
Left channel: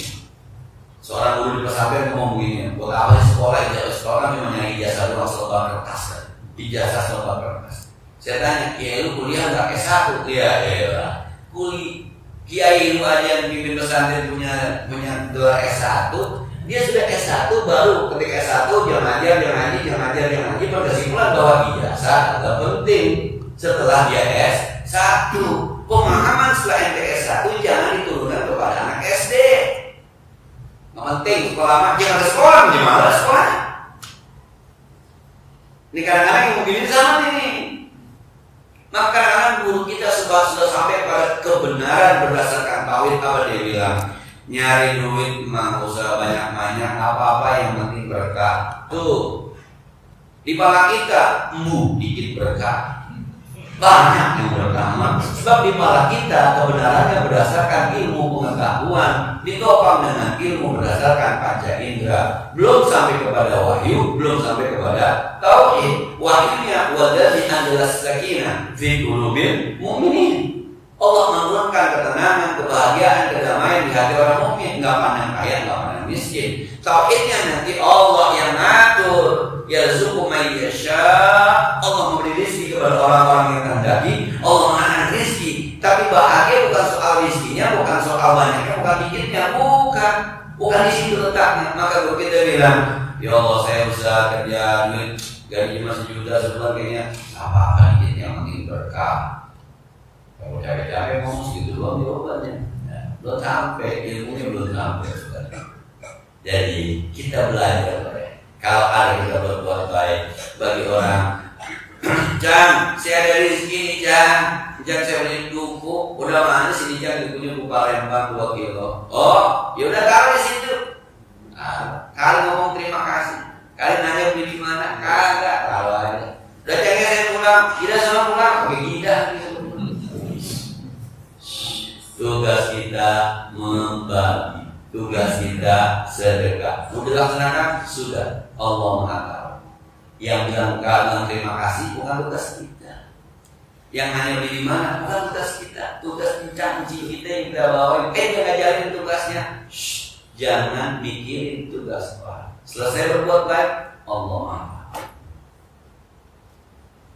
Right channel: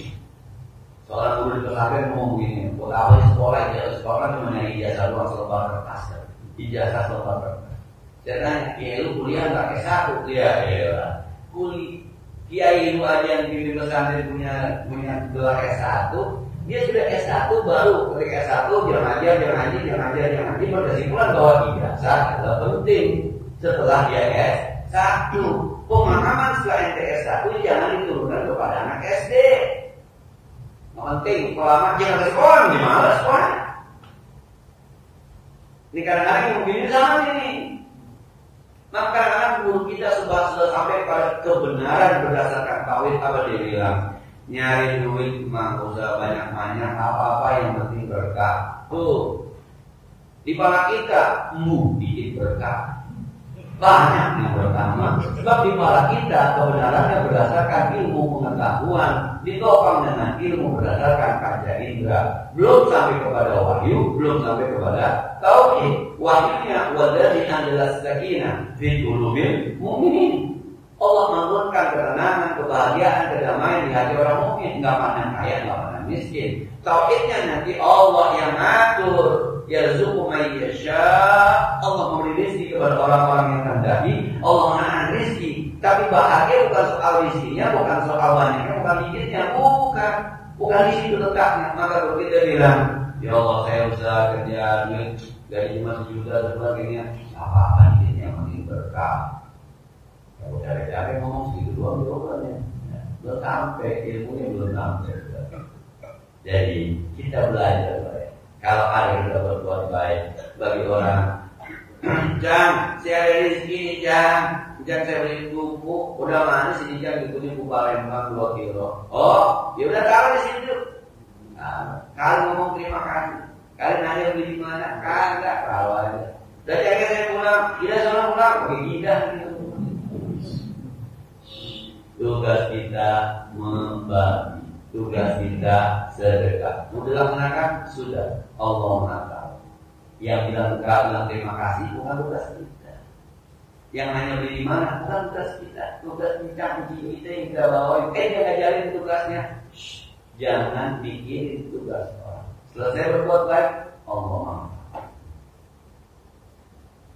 seorang guru di pesantren ngomong begini, buat apa sih sekolah kan cuma nyari ijazah doang selebar kertas kan, ijazah selebar kertas. Saya tanya, ya lu kuliah nggak S1? Iya, kiai lu aja yang pimpin pesantren punya gelar S1, dia sudah S1 baru ketika S1 jangan ngaji berkesimpulan bahwa ijazah nggak penting setelah dia S1. Pemahaman setelah ente S1 jangan diturunkan kepada anak SD. Nggak penting sekolah mah jangan ada sekolah, gimana ada sekolah? Ini kadang-kadang yang begini sama nih. Maka kadang-kadang guru kita sudah sampai pada kebenaran berdasarkan tauhid. Apa dia bilang? Nyari duit mah usah banyak-banyak, apa-apa yang penting berkah. Tuh di pala kita dikit berkah. banyak yang berkah. Sebab di kepala kita kebenarannya berdasarkan ilmu pengetahuan, ditopang dengan ilmu berdasarkan panca indera. Belum sampai kepada wahyu, belum sampai kepada tauhid. Wahyunya wadzi anzalas sakinah fi qulubil mu'minin. Allah menurunkan ketenangan, kebahagiaan, kedamaian di hati orang mukmin. Nggak pandang kaya, nggak pandang miskin. Tauhidnya nanti Allah yang ngatur. Yarzuqu may yasha. Allah memberi rezeki kepada orang-orang yang kehendaki. Allah menahan rezeki. Tapi bahagia bukan soal rezekinya, bukan soal banyaknya, bukan dikitnya, bukan di situ letaknya. Maka kalau kita bilang, ya Allah saya usaha kerja duit gaji cuma 1 juta sebulan kayaknya apa dikitnya, yang penting berkah. Kalau capek-capek ngomong segitu doang jawabannya. Belum sampai, ilmunya belum sampai. Jadi kita belajar. Kalau ada kita berbuat baik bagi orang, Jang, saya ada rezeki nih Jang, saya beli buku, udah mana sini Jang, bukunya buku Palembang 2 kilo. Oh, ya udah taruh di situ. Kali ngomong terima kasih, kali nanya beli di mana, kagak, taruh aja. Udah Jangnya saya pulang, tidak sama pulang, pakai gidah. Tugas kita membagi. Tugas kita sedekah. Sudah laksanakan? Sudah. Allah mengatakan. Yang bilang terima kasih bukan tugas kita. Yang hanya beli di mana bukan tugas kita. Tugas mencang-mencing kita yang kita bawain. Dia ngajarin tugasnya. Jangan mikirin tugas orang. Selesai berbuat baik, Allah mengatakan.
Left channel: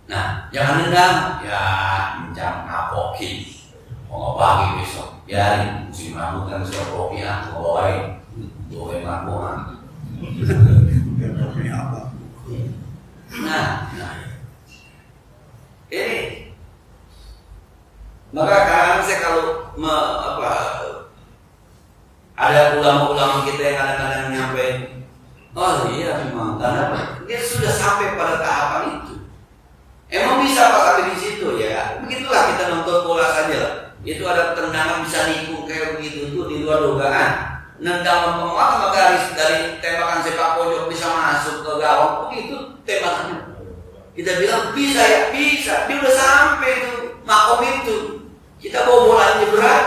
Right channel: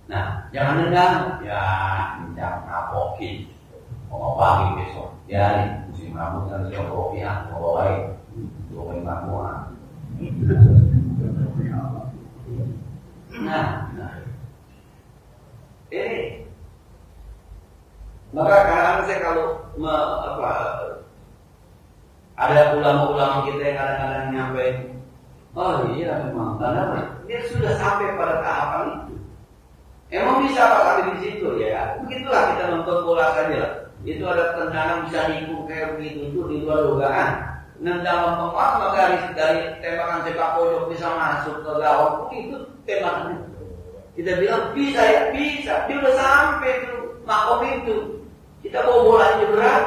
Nah, jangan dendam. Ya, mencang apokin. Mau pagi besok. Ya, musim rambut kan sudah kopi aku bawain. Bawain makanan. Nah, ini maka kadang saya kalau ada ulama-ulama kita yang kadang-kadang nyampein, oh iya memang karena dia sudah sampai pada tahapan itu. Emang bisa Pak sampai di situ ya? Begitulah kita nonton bola saja lah. Itu ada tendangan bisa nikung kayak begitu itu di luar dugaan. Nendang lempeng sama garis dari tembakan sepak pojok bisa masuk ke gawang, itu tembakannya. Kita bilang bisa ya, bisa. Dia udah sampai tuh makom itu. Kita bawa bolanya berat,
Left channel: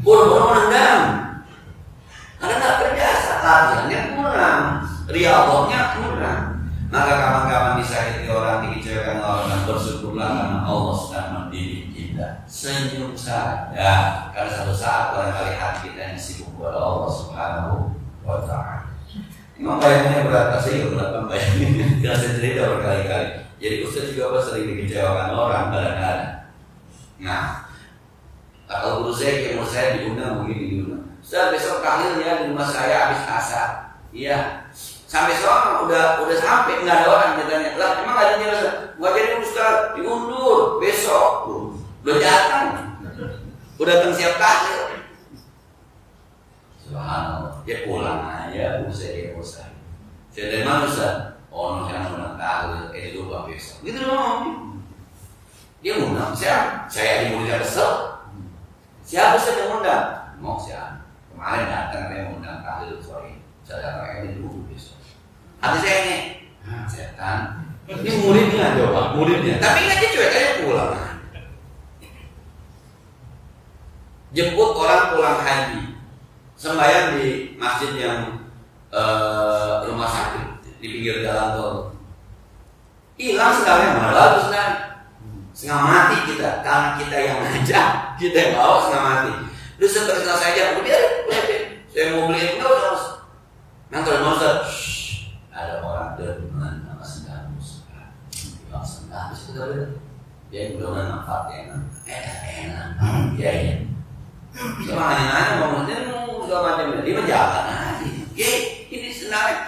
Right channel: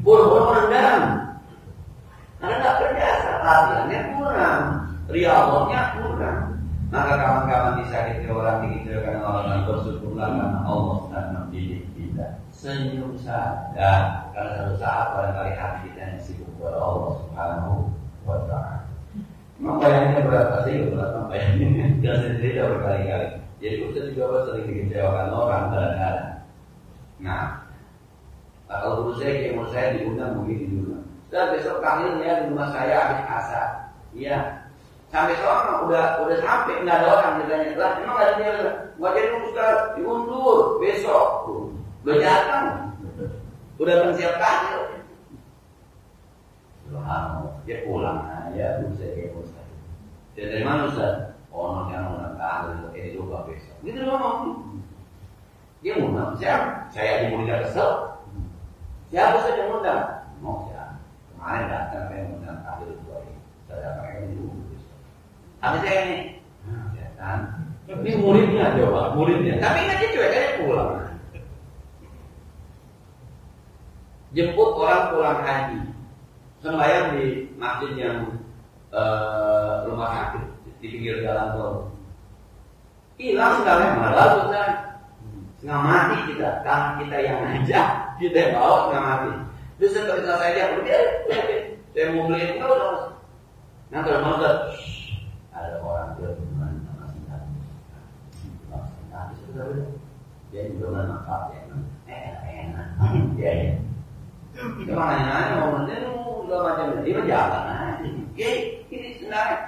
bola-bola menendang. Karena nggak terbiasa, latihannya kurang, riyadhahnya kurang. Maka kapan-kapan disakiti orang, dikecewakan orang, dan bersyukurlah karena Allah sedang mendidik kita. Senyum saja, karena satu saat barangkali hati kita yang sibuk kepada Allah Subhanahu wa Ta'ala. Memang bayangnya berat, saya juga berat bayangnya. Karena saya cerita berkali-kali. Jadi Ustaz juga sering dikecewakan orang kadang-kadang. Nah, kalau guru saya diundang begini diundang. Ustaz besok tahlilnya di rumah saya habis asar. Iya. Sampai soal udah sampai nggak ada orang ditanya lah emang nggak ada jelasan nggak jadi Ustaz diundur besok udah datang siap tahlil. Subhanallah dia pulang aja Ustaz saya dari mana Ustaz oh jangan undang tahlil itu lupa besok gitu dong dia undang saya di muridnya kesel siapa Ustaz yang undang mau siapa kemarin datang yang undang tahlil sorry saya datang ini dulu besok. Hati saya ini, setan. Ini muridnya jawab, muridnya. Tapi nggak cuek aja pulang. Jemput orang pulang haji, sembahyang di masjid yang rumah sakit di pinggir jalan tol. Hilang sekalian, mana bagus kan? Setengah mati kita, karena kita yang ngajak, kita yang bawa setengah mati. Terus setelah saya aja, udah biarin. Saya mau beli enggak usah. Nanti Ustaz. Ada orang dengan nama sedang musik, bilang sedang itu dia udah nampak ya enak, ya. Cuma nanya ngomong dia mau segala macam dia berjalan aja, ini senang.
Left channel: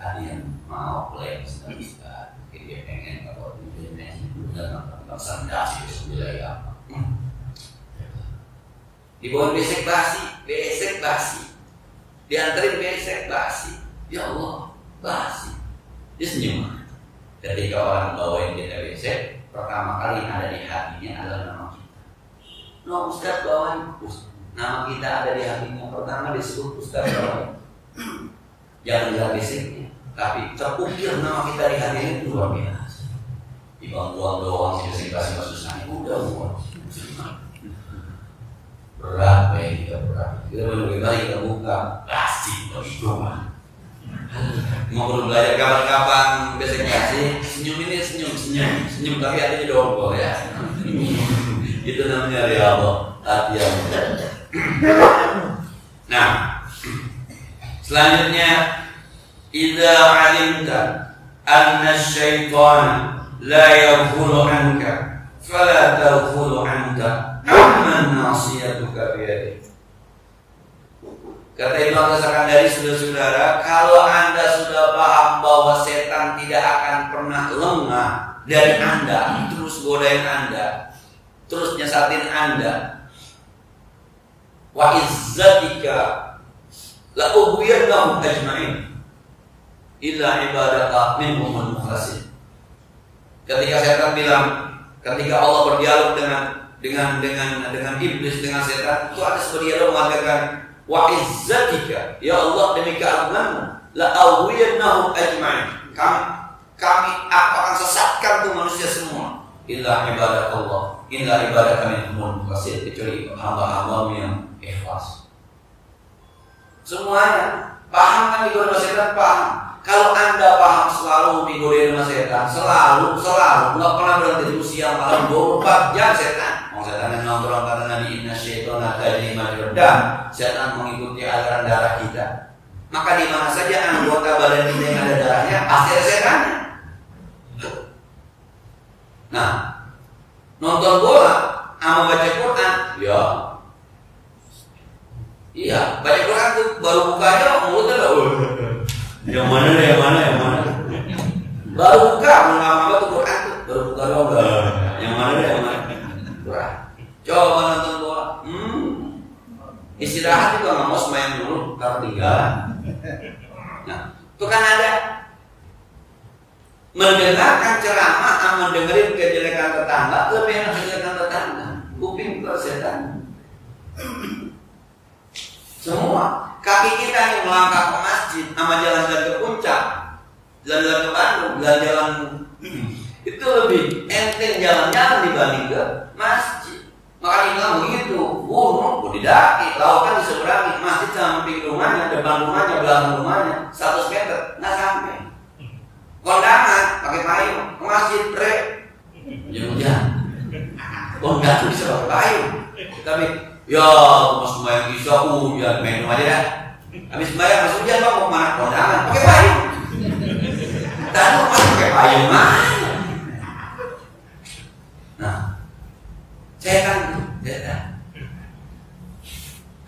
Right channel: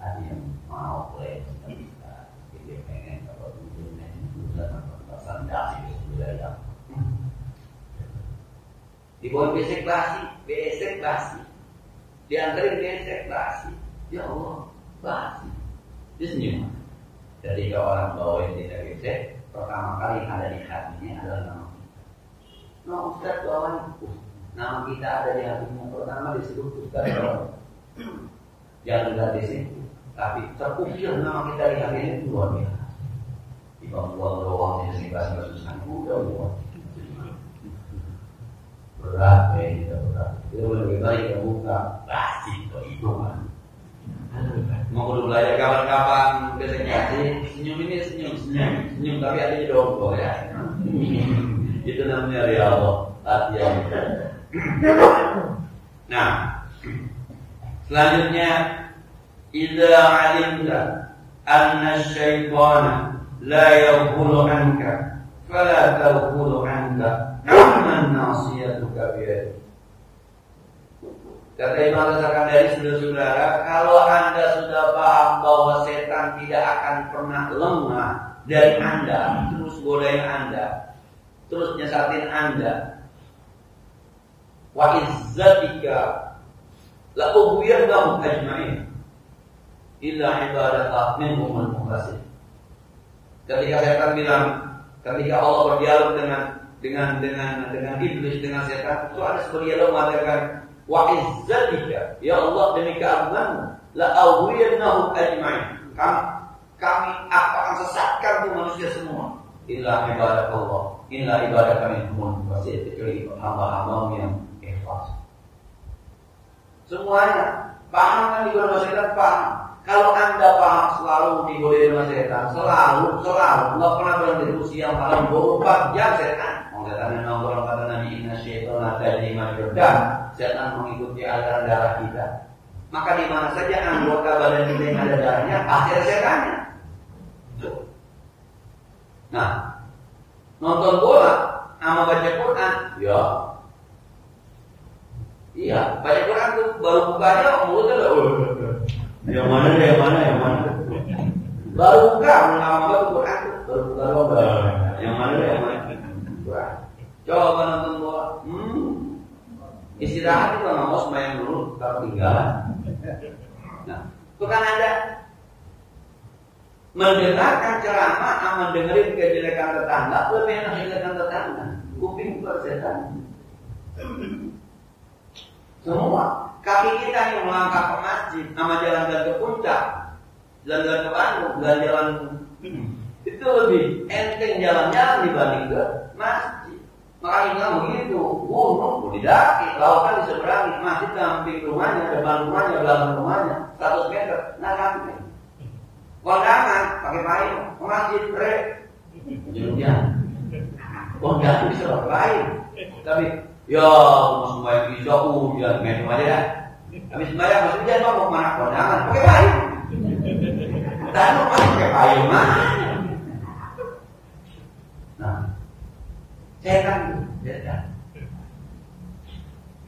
Ada yang mau play sedang dia pengen kalau dia udah nampak sandasi wilayah. Dibawa besek basi, dianterin besek basi, ya Allah. Basi. Dia senyum. Ketika orang bawain kita besek, pertama kali yang ada di hatinya adalah nama kita. No Ustaz bawain. Nama kita ada di hatinya. Pertama disebut Ustaz bawain. Jangan lihat beseknya, tapi terukir nama kita di hatinya itu luar biasa. Ibang buang doang sih kasih susah. Udah buang. Berat, kita berat. Kita benar-benar kita buka plastik itu mah. Mau perlu belajar kapan-kapan besok kasih senyum tapi adanya dongkol ya. Itu namanya riyadhah, latihan. Nah, selanjutnya idza 'alimta anna asy-syaitana la yaghfulu 'anka fala taghfulu 'anta amman nasiyatuka biyadih. Kata Imam Al-Sakandari, saudara-saudara, kalau Anda sudah paham bahwa setan tidak akan pernah lengah dari Anda, terus godain Anda, terus nyesatin Anda, wa izzatika la ughwiyannahum ajma'in illa ibadaka minhumul mukhlasin. Ketika setan bilang, ketika Allah berdialog dengan iblis, dengan setan, itu ada sebuah dialog mengatakan, wa izzatika, ya Allah demi keagunganmu, la awwiyannahum ajma'in, kami akan sesatkan tuh manusia semua, illa ibadakallah, illa ibadaka minhumul mukhlasin, kecuali hamba-hambamu yang ikhlas. Semuanya paham kan digoda setan, paham. Kalau Anda paham selalu digoda setan, selalu nggak pernah berhenti terus siang malam 24 jam setan. Setan yang nongkrong kata Nabi, inna syaitana tajri majrad dam, setan mengikuti aliran darah kita. Maka di mana saja anggota badan kita yang ada darahnya pasti ada setannya. Nah, nonton bola sama baca Quran, ya, iya, baca Quran tuh baru bukanya mulutnya udah, yang mana, baru buka, belum lama tuh Quran tuh, baru buka doang, yang mana. Coba nonton bola, istirahat juga nggak mau semayang dulu, taruh tinggalan. Nah, itu kan ada mendengarkan ceramah sama dengerin kejelekan tetangga, lebih enak kejelekan tetangga. Kuping bukan setan. Semua kaki kita yang melangkah ke masjid, sama jalan-jalan ke puncak, jalan-jalan ke Bandung, jalan-jalan itu lebih enteng jalan-jalan dibanding ke masjid. Makanya bilang begitu, gunung didaki, lautan diseberangi, masjid samping rumahnya, depan rumahnya, belakang rumahnya, 100 meter, nggak sampai. Kondangan pakai payung, ke masjid hujan, kondangan bisa pakai payung, tapi ya mau sembahyang isya hujan, main rumah aja dah. Habis sembahyang masuk hujan, mau kemana? Kondangan pakai payung. Tadi masih pakai payung mana? Nah, setan.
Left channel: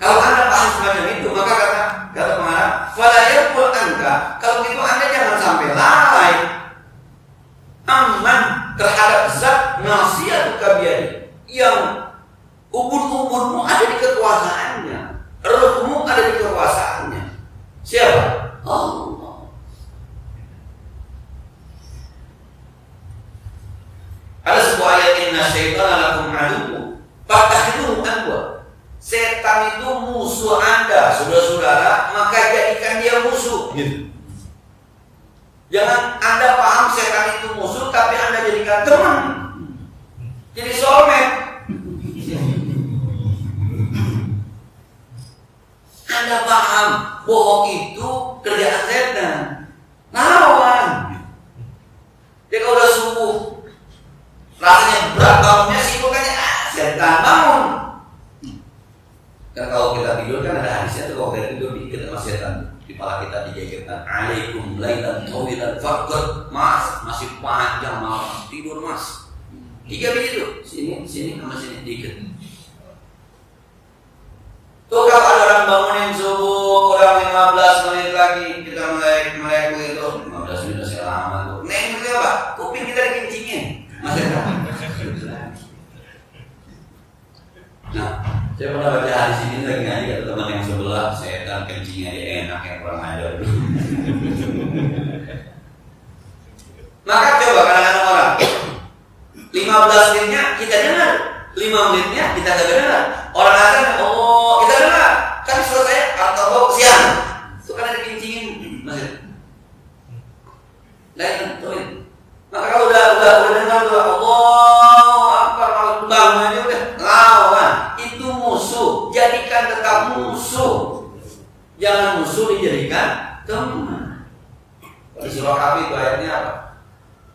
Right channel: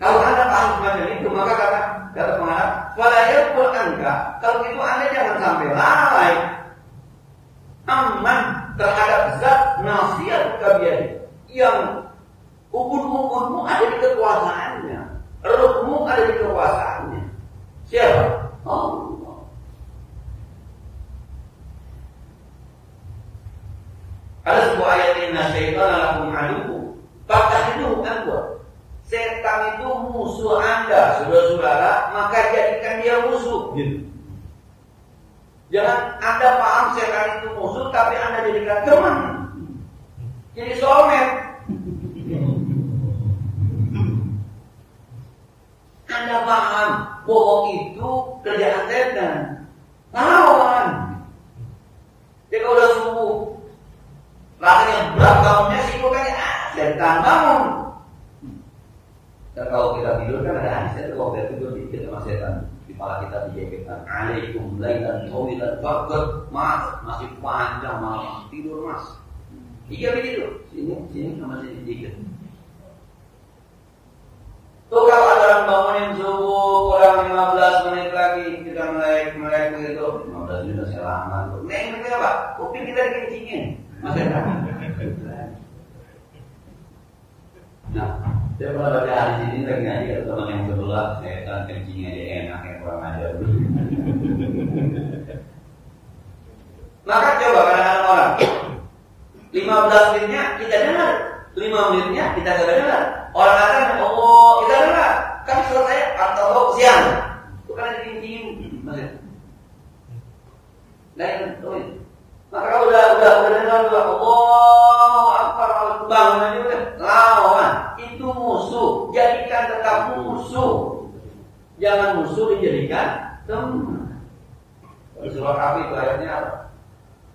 Kalau Anda paham semacam itu, maka kata pengarang, fala yaqul anka, kalau itu Anda jangan sampai lalai aman terhadap zat nasiyatuka biyadi, yang ubun-ubunmu ada di kekuasaannya, ruhmu ada di kekuasaannya. Siapa? Allah. Ada sebuah ayat, inna syaitana lakum aduwwun fattakhidhuhu aduwwa. Setan itu musuh Anda, saudara-saudara, maka jadikan dia musuh. Gitu. Jangan Anda paham setan itu musuh, tapi Anda jadikan teman. Jadi soulmate. Anda paham bohong itu kerjaan setan, lawan. Dia kalau udah subuh rasanya berat bangunnya, sibuknya setan bangun. Kan kalau kita tidur kan ada hadisnya tuh, kalau kita tidur diikat sama setan, di kepala kita dijajarkan, alaikum lailan tawilan faqad, mas masih panjang malam tidur mas. 3 begitu, sini sama sini diikat. Tuh kalau ada orang bangunin subuh kurang 15 menit lagi kita melek begitu, 15 menit masih lama tuh. Neng itu apa? Kuping kita dikencingin. Mas setan. Nah, saya pernah baca hadis ini lagi ngaji, kata teman yang sebelah, setan kencingnya dia enak, yang kurang ajar dulu. Maka coba kadang-kadang orang 15 menitnya kita dengar, 5 menitnya kita kagak dengar. Orang azan, oh kita dengar, tapi selesai atau siang, itu karena dikencingin, masih. Lain, tuh. Maka kalau udah dengar Jangan musuh dijadikan teman. Di surah Kahfi itu ayatnya apa?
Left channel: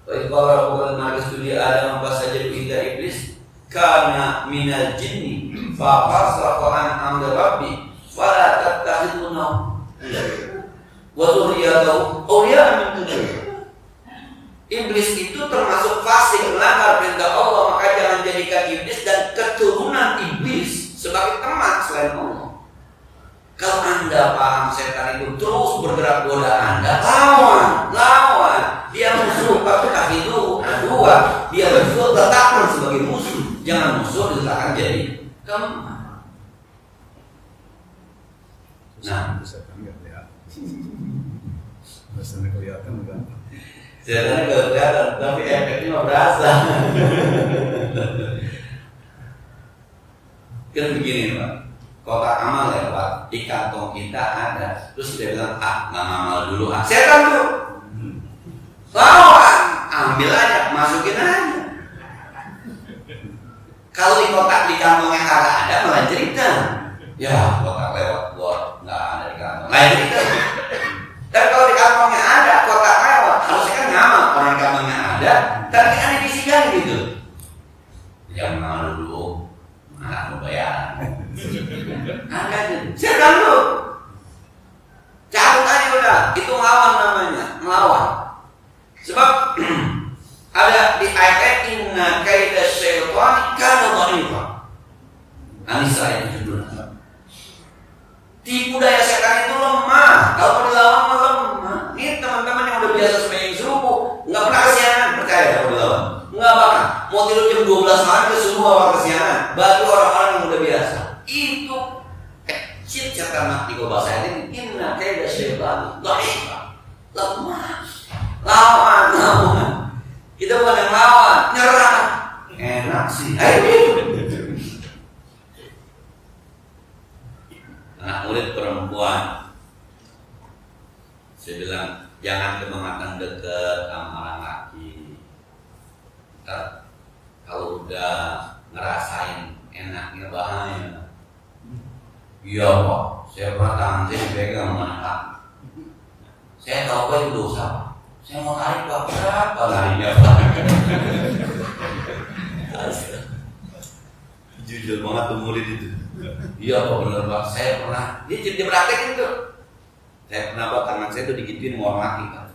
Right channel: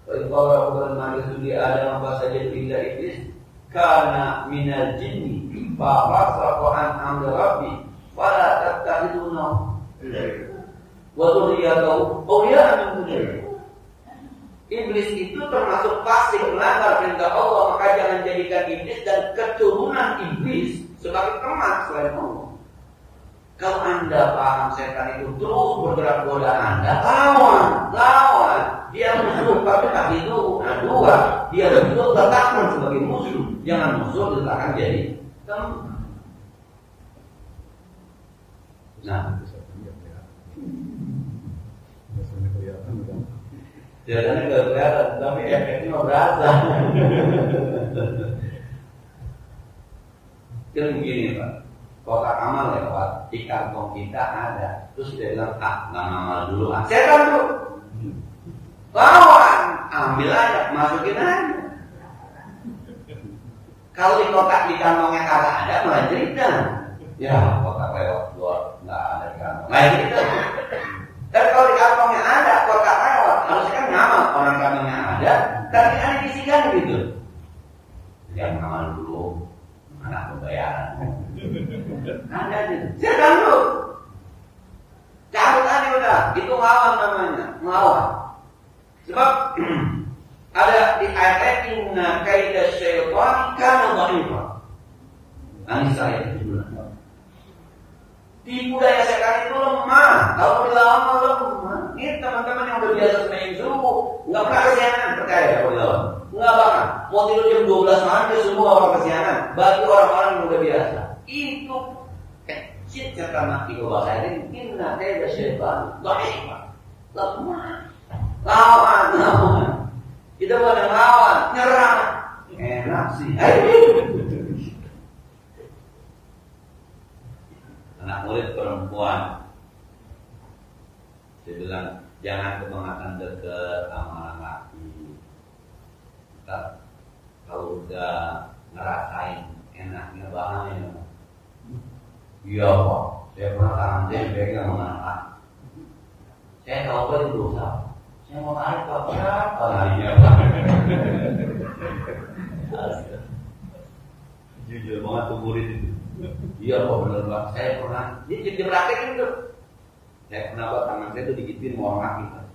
Wa idh qala rabbuka lil malaikati Adam fasajadu illa iblis kana minal jinni fa fasaqa an amri rabbi fala tattakhiduna wa dzurriyyatahu awliya'a min dunihi. Iblis itu termasuk fasik, melanggar perintah Allah, maka jangan jadikan iblis dan keturunan iblis sebagai teman selain Allah. Kalau Anda paham setan itu terus bergerak goda Anda, lawan. Dia musuh, tapi itu kedua, dia betul letakkan sebagai musuh. Jangan musuh diletakkan jadi teman. Nah, setan nggak kelihatan. Setan kelihatan kan? Setan nggak kelihatan, tapi efeknya nggak berasa. Kan begini Pak, kotak amal lewat di kantong kita ada, terus dia bilang nggak ngamal dulu setan tuh lawan, ambil aja, masukin aja. Kalau di kotak di kantongnya kagak ada malah cerita, ya kotak lewat gua nggak ada di kantong, lain cerita. Tapi kalau di kantongnya ada, kotak lewat, harusnya kan ngamal. Orang kantongnya ada, tapi kan dibisikan gitu. Jangan ngamal dulu, anak lu bayaran. Ada aja, setan lu. Cabut aja udah, itu ngelawan namanya, ngelawan. Sebab ada di ayat inna kaida syaitani kana dha'ifa. An-Nisa ayat 17. Tipu daya setan itu lemah. Kalau mau dilawan lemah. Ini teman-teman yang udah biasa sembahyang subuh, nggak pernah kesiangan, percaya kalau dilawan. Nggak bakal. Mau tidur jam 12 malam ke subuh awal kesiangan. Bagi orang-orang yang udah biasa. Itu kecil setan mati kalau bahasa ini. Inna kaida syaitani dha'ifa. Lemah. Lawan. Kita bukan yang lawan, nyerang. Enak sih. Ayo. Anak murid perempuan, saya bilang jangan kebangetan deket sama orang laki. Ntar kalau udah ngerasain enaknya bahaya. Iya Pak, saya pernah tangan saya dipegang sama anak laki. Saya tahu apa itu dosa. Saya mau tarik Pak, berapa tariknya Pak? Jujur banget tuh murid itu. Iya Pak, bener Pak, saya pernah. Dia praktekin tuh. Saya pernah Pak, tangan saya tuh digituin sama orang laki Pak.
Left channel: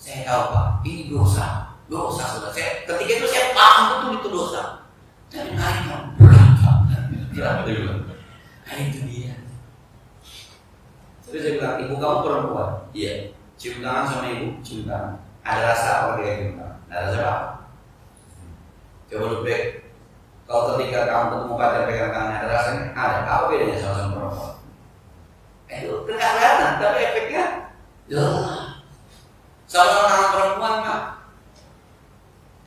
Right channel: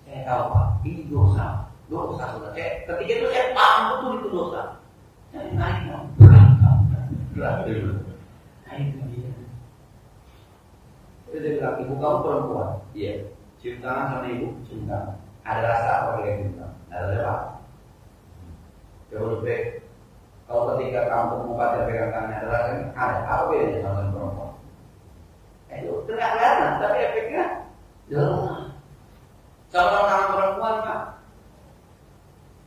Saya tahu Pak, ini dosa. Dosa sudah. Saya ketika itu saya paham betul itu dosa. Tapi nariknya berapa? Nah itu dia. Terus saya bilang, ibu kamu perempuan? Iya. Cium tangan sama ibu, cium tangan. Ada rasa apa dia cium tangan? Ada rasa apa? Coba lu break. Kalau ketika kamu ketemu pacar pegang tangannya ada rasanya, ada. Apa bedanya sama perempuan? Itu nggak kelihatan, tapi efeknya jelas. Sama tangan perempuan Pak.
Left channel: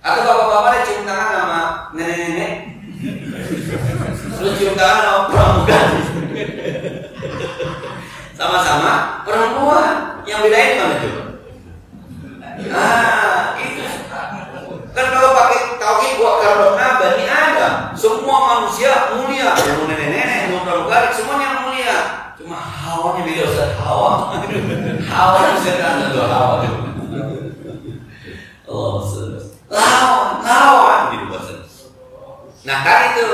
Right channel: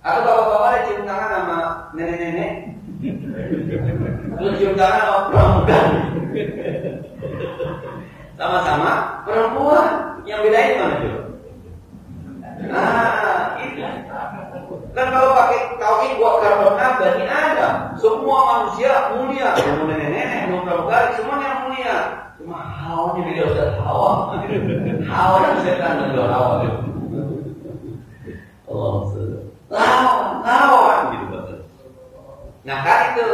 Atau bapak-bapak ada cium tangan sama nenek-nenek, terus cium tangan sama pramuka. Sama-sama perempuan. Yang bedain mana coba? Nah, itu. Kan kalau pakai tauhid wa karramna bani Adam, semua manusia mulia. Mau nenek-nenek, mau pramugari, semuanya mulia. Cuma hawanya beda Ustaz, hawa. Hawa yang setan dan hawa. Allah lawan gitu bahasa. Nah kan itu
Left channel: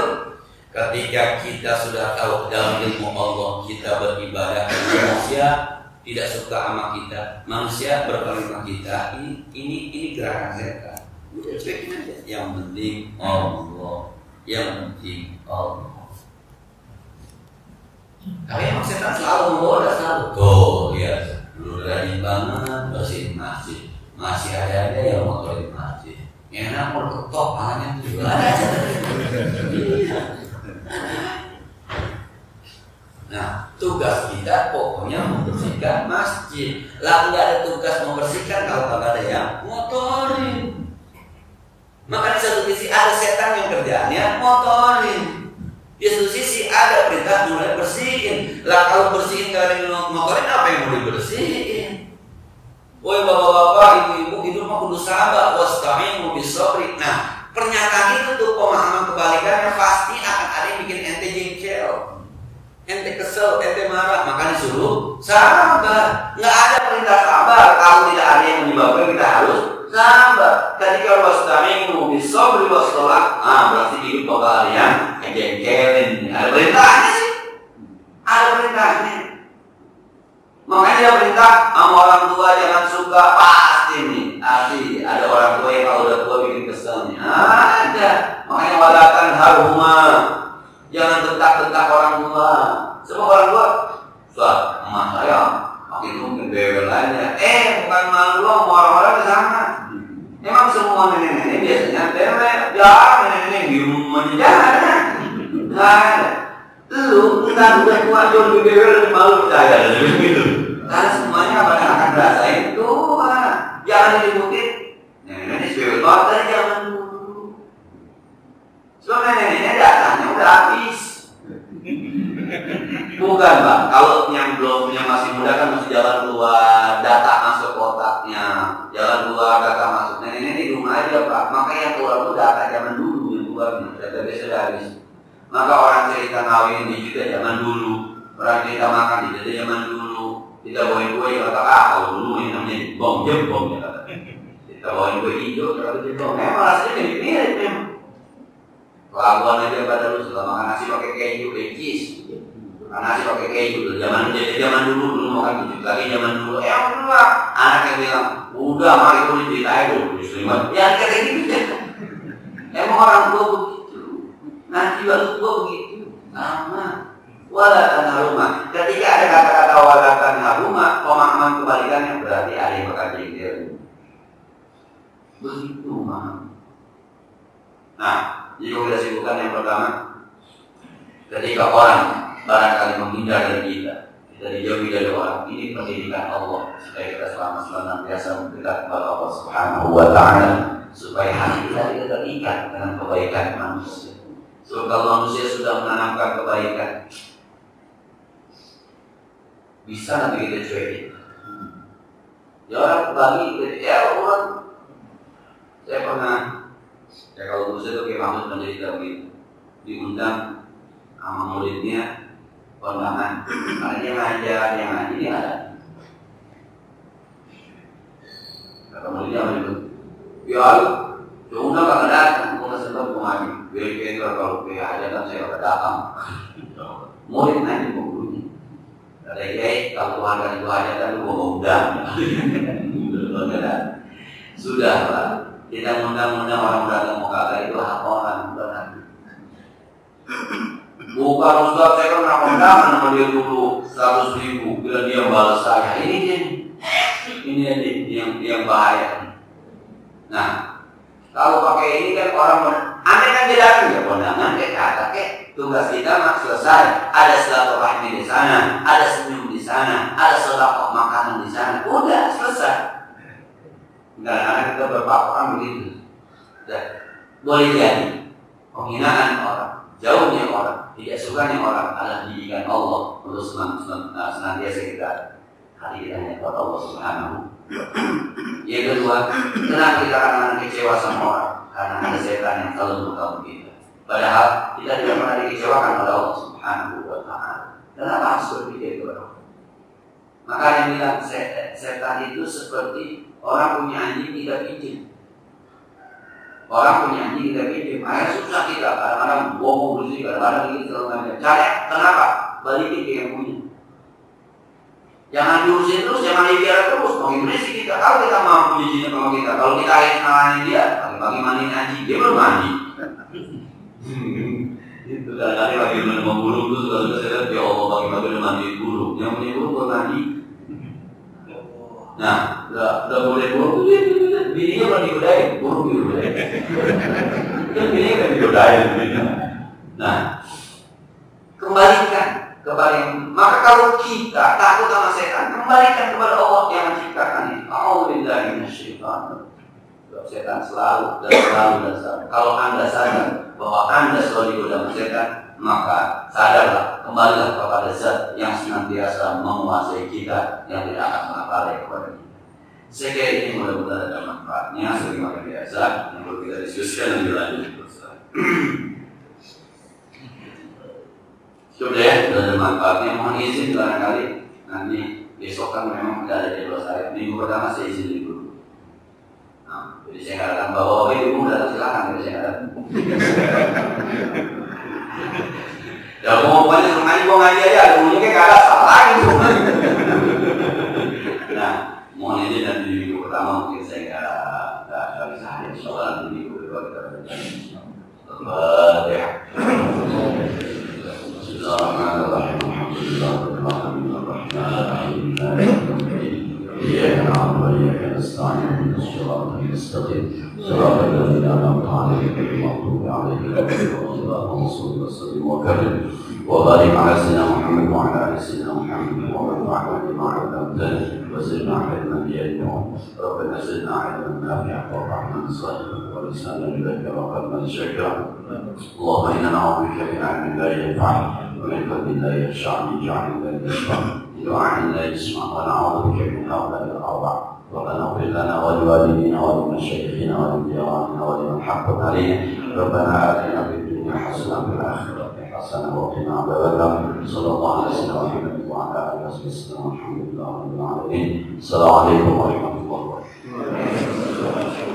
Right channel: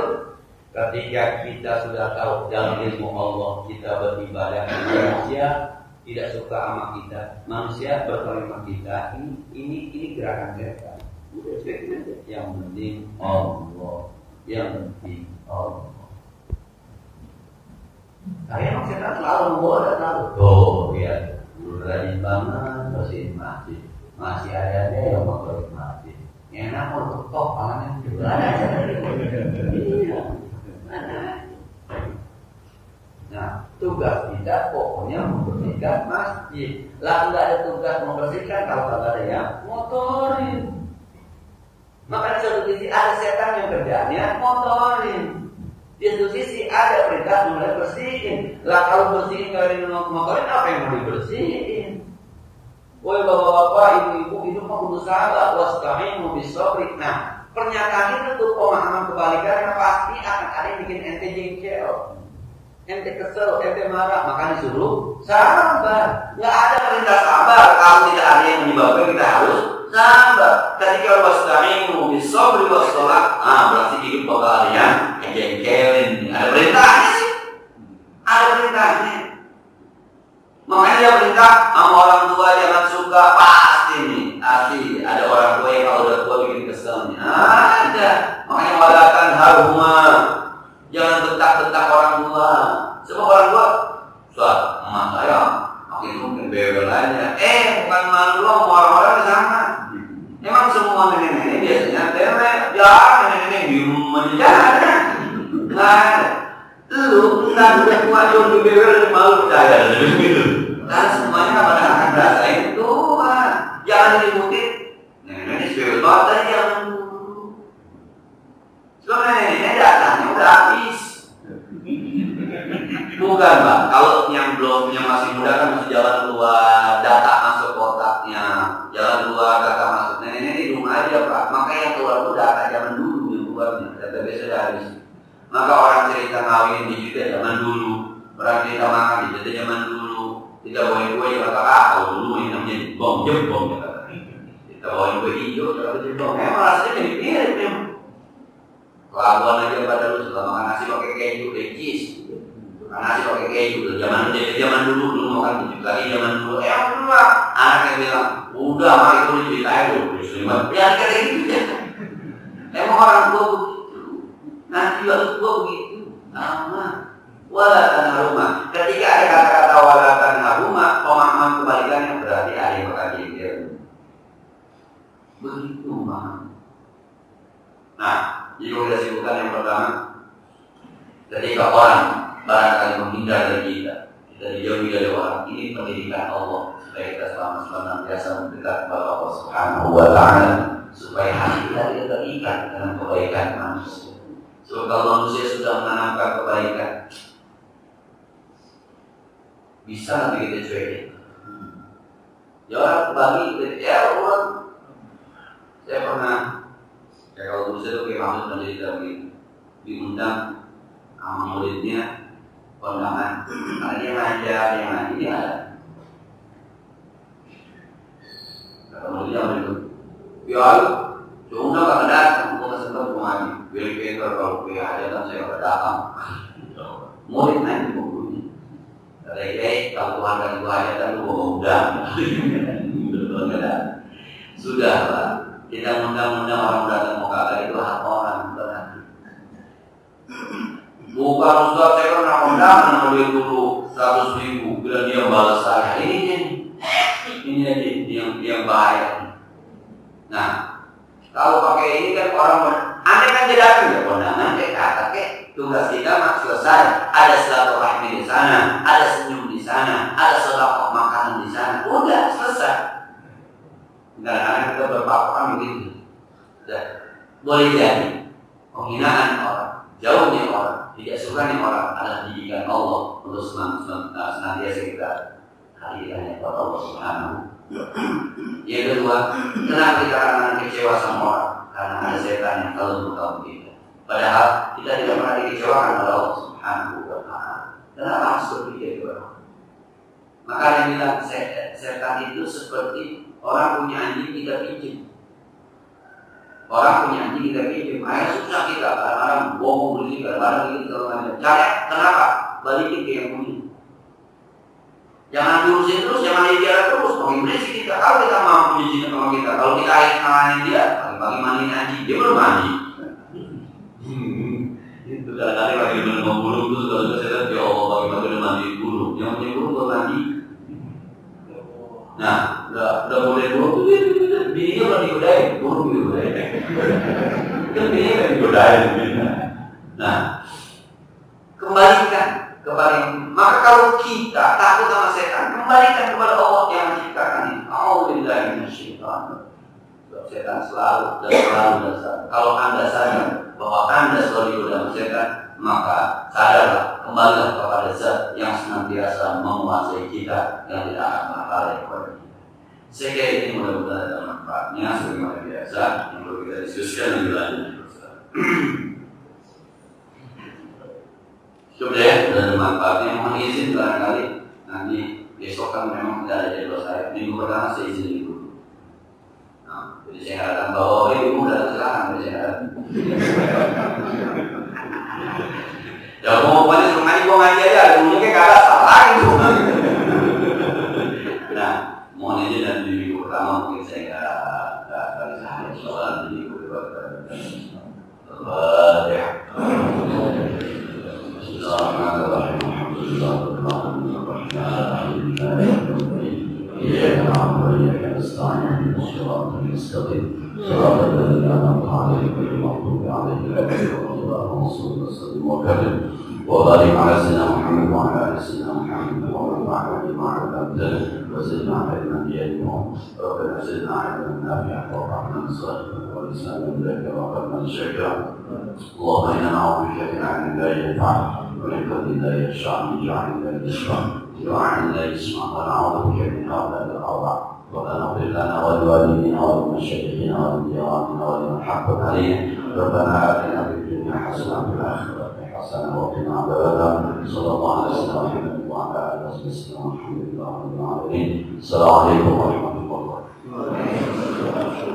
ketika kita sudah tahu dalam ilmu Allah kita beribadah manusia tidak suka sama kita, manusia berpaling sama kita, ini gerakan setan. Udah cuekin aja. Yang penting Allah, yang penting Allah. Tapi emang setan selalu menggoda selalu. Tuh lihat, lu rajin banget bersihin masjid, masih ada yang motorin masjid. Enak mau ketok tangannya juga ada aja. Iya. Nah, tugas kita pokoknya membersihkan masjid. Lah nggak ada tugas membersihkan kalau nggak ada yang motorin. Maka di satu sisi ada setan yang kerjaannya motorin. Di satu sisi ada perintah mulai bersihin. Lah kalau bersihin kalian motorin apa yang mau dibersihin? Woi bapak-bapak, ibu-ibu hidup mah kudu sabar, wasta'inu bis-sabri. Nah, pernyataan itu tuh pemahaman kebalikannya pasti akan ada yang bikin ente jengkel. ente kesel, ente marah, maka disuruh sabar. Nggak ada perintah sabar kalau tidak ada yang menyebabkan kita harus sabar. Ketika wasta'inu bis-sabri was-shalah, berarti hidup bakal ada yang ngejengkelin. Ada perintahnya sih. Ada perintahnya. Makanya dia perintah sama orang tua jangan suka, pasti nih. Pasti ada orang tua yang kalau udah tua bikin keselnya. Ada. Makanya walakan haruma. Jangan tentak-tentak orang tua. Sebab orang tua, emak saya makin mungkin bebel aja. Bukan malu doang, orang-orang ke sana. Emang semua nenek-nenek biasanya nenek-nenek diem aja. Nggak ada. Lu entar udah tua jauh lebih bebel lebih malu percaya gitu. Karena semuanya pada akan merasain tua. Jangan diikutin. Nenek-nenek bebel banget dari zaman dulu. Sebab nenek-nenek datangnya udah habis. Bukan bang, kalau yang masih muda kan masih jalan keluar, data masuk kotaknya, jalan keluar, data masuk. Nenek-nenek di rumah aja pak. Maka yang keluar itu data zaman dulu yang keluarnya, data biasa udah habis. Maka orang cerita ngawin di kita zaman dulu, orang cerita makan di kita zaman dulu. Kita bawain kue ya kata kalau dulu ini namanya jebong ya kata. Kita bawain kue hijau kata jebong. Emang rasanya mirip-mirip memang. Kelakuan aja pada lu setelah makan nasi pakai keju, cheese. Makan nasi pakai keju. Zaman dulu makan keju lagi zaman dulu. Dulu lah. Anak yang bilang, udah mari tulis ceritain dulu. Ya kata gitu ya. Emang orang tua begitu. Nanti waktu tua begitu. Sama. Walatan haruma. Ketika ada kata-kata walatan haruma, pemahaman kebalikannya berarti ada yang bakal jengkel. Begitu mah. Nah, jadi kita simpulkan yang pertama, ketika orang barangkali menghindar dari kita dijauhi dari orang, ini pendidikan Allah supaya kita selama biasa mendekat kepada Allah Subhanahu wa Ta'ala, supaya hati kita tidak terikat dengan kebaikan manusia. Sebab kalau manusia sudah menanamkan kebaikan, bisa nanti kita cuekin. Ya orang bagi, orang saya pernah. Kalau dulu saya tuh kayak Mahmud mencerita begitu, diundang sama muridnya kondangan, karena dia ngajar, dia ngaji, dia ada. Kata muridnya apa itu? Ya lu, undang kakak datang, gue nggak sempat mau ngaji. Biar kalau gue aja kan saya nggak datang. Murid nanya ke gurunya, kata kalau Tuhan kasih gue aja kan lu gue mau undang. Sudah lah. Kita undang-undang orang datang mau kagak itu hak orang, bukan. Bukan Ustaz, saya kan nak undangan sama dia dulu 100.000, bila dia balas saya. Ini aja yang bahaya. Nah, kalau pakai ini kan orang, aneh kan dia datang ya kondangan, kayak kata tugas kita mak selesai. Ada silaturahmi di sana, ada senyum di sana, ada sedekah makanan di sana, udah selesai. Kadang-kadang kita berpapakan begitu. Boleh jadi penghinaan orang, jauhnya orang, tidak sukanya orang adalah didikan Allah untuk senantiasa kita hati kita hanya kepada Allah Subhanahu. Yang kedua, kenapa kita akan kecewa sama orang? Karena ada setan yang selalu mengganggu kita. Padahal kita tidak pernah dikecewakan oleh Allah Subhanahu wa Ta'ala. Kenapa harus berpikir kepada Allah? Maka yang bilang setan itu seperti orang punya anjing kita pinjam. Orang punya anjing kita pinjam. Akhirnya susah kita. Kadang-kadang bohong berisik, kadang-kadang ini segala. Cari kenapa? Balikin ke yang punya. Jangan diurusin terus, jangan dibiarkan terus. Makin berisik kita. Kalau kita mampu nyicin sama kita, kalau kita akhirnya ngalahin dia, pagi-pagi mandiin anjing, dia belum mandi. Itu kadang-kadang lagi menemukan burung itu segala saya lihat ya Allah pagi-pagi udah mandiin burung. Yang punya burung buat mandi. Nah, udah boleh burung tuh bininya belum digodain, burung digodain. Kan bininya kan digodain. Nah, kembalikan kepada yang. Maka kalau kita takut sama setan, kembalikan kepada Allah yang menciptakan itu. A'udzubillahi minasyaitonir rajim. Setan selalu. Kalau Anda sadar bahwa Anda selalu digoda setan, maka sadarlah, kembalilah kepada Zat yang senantiasa menguasai kita, yang tidak akan mengakali kepada kita. Saya kira ini mudah-mudahan ada manfaatnya sebagaimana biasa yang perlu kita diskusikan lebih lanjut. Sudah ya, sudah ada manfaatnya. Mohon izin barangkali nanti besok kan memang tidak ada jadwal saya. Minggu pertama saya izin libur. Nah, jadi saya nggak datang bawa ibu datang silakan, jadi saya nggak datang. Ya mau banyak sengaja gua ngaji aja, mungkin nggak ada salah gitu. Nah, mohon izin nanti di minggu pertama mungkin saya nggak bisa hadir. Soalnya di minggu kedua kita ya. Bismillahirrahmanirrahim. Alhamdulillahirabbil alamin arrahmanir rahim. إياك نعبد وإياك نستعين اهدنا الصراط المستقيم صراط الذين أنعمت عليهم غير المغضوب عليهم ولا الضالين اللهم صل وسلم وكرم وبارك على سيدنا محمد وعلى آل سيدنا محمد وانفعنا بما علمتنا وزدنا علما بعلم ربنا زدنا علما نافعا وفهما صادقا ولسانا ذاكرا وقلبا شاكرا اللهم إنا نعوذ بك من علم لا ينفع ومن قلب لا يخشع اجعل لا يشفع دعاء لا يسمع ونعوذ بك من هؤلاء الأربع ربنا اغفر لنا ولوالدينا ولمشايخنا ولجيراننا ولمن حقق علينا ربنا آتنا في الدنيا حسنة وفي الآخرة حسنة وقنا عذاب النار صلى الله على سيدنا محمد وعلى آله وصحبه وسلم والحمد لله رب العالمين السلام عليكم ورحمة الله وبركاته.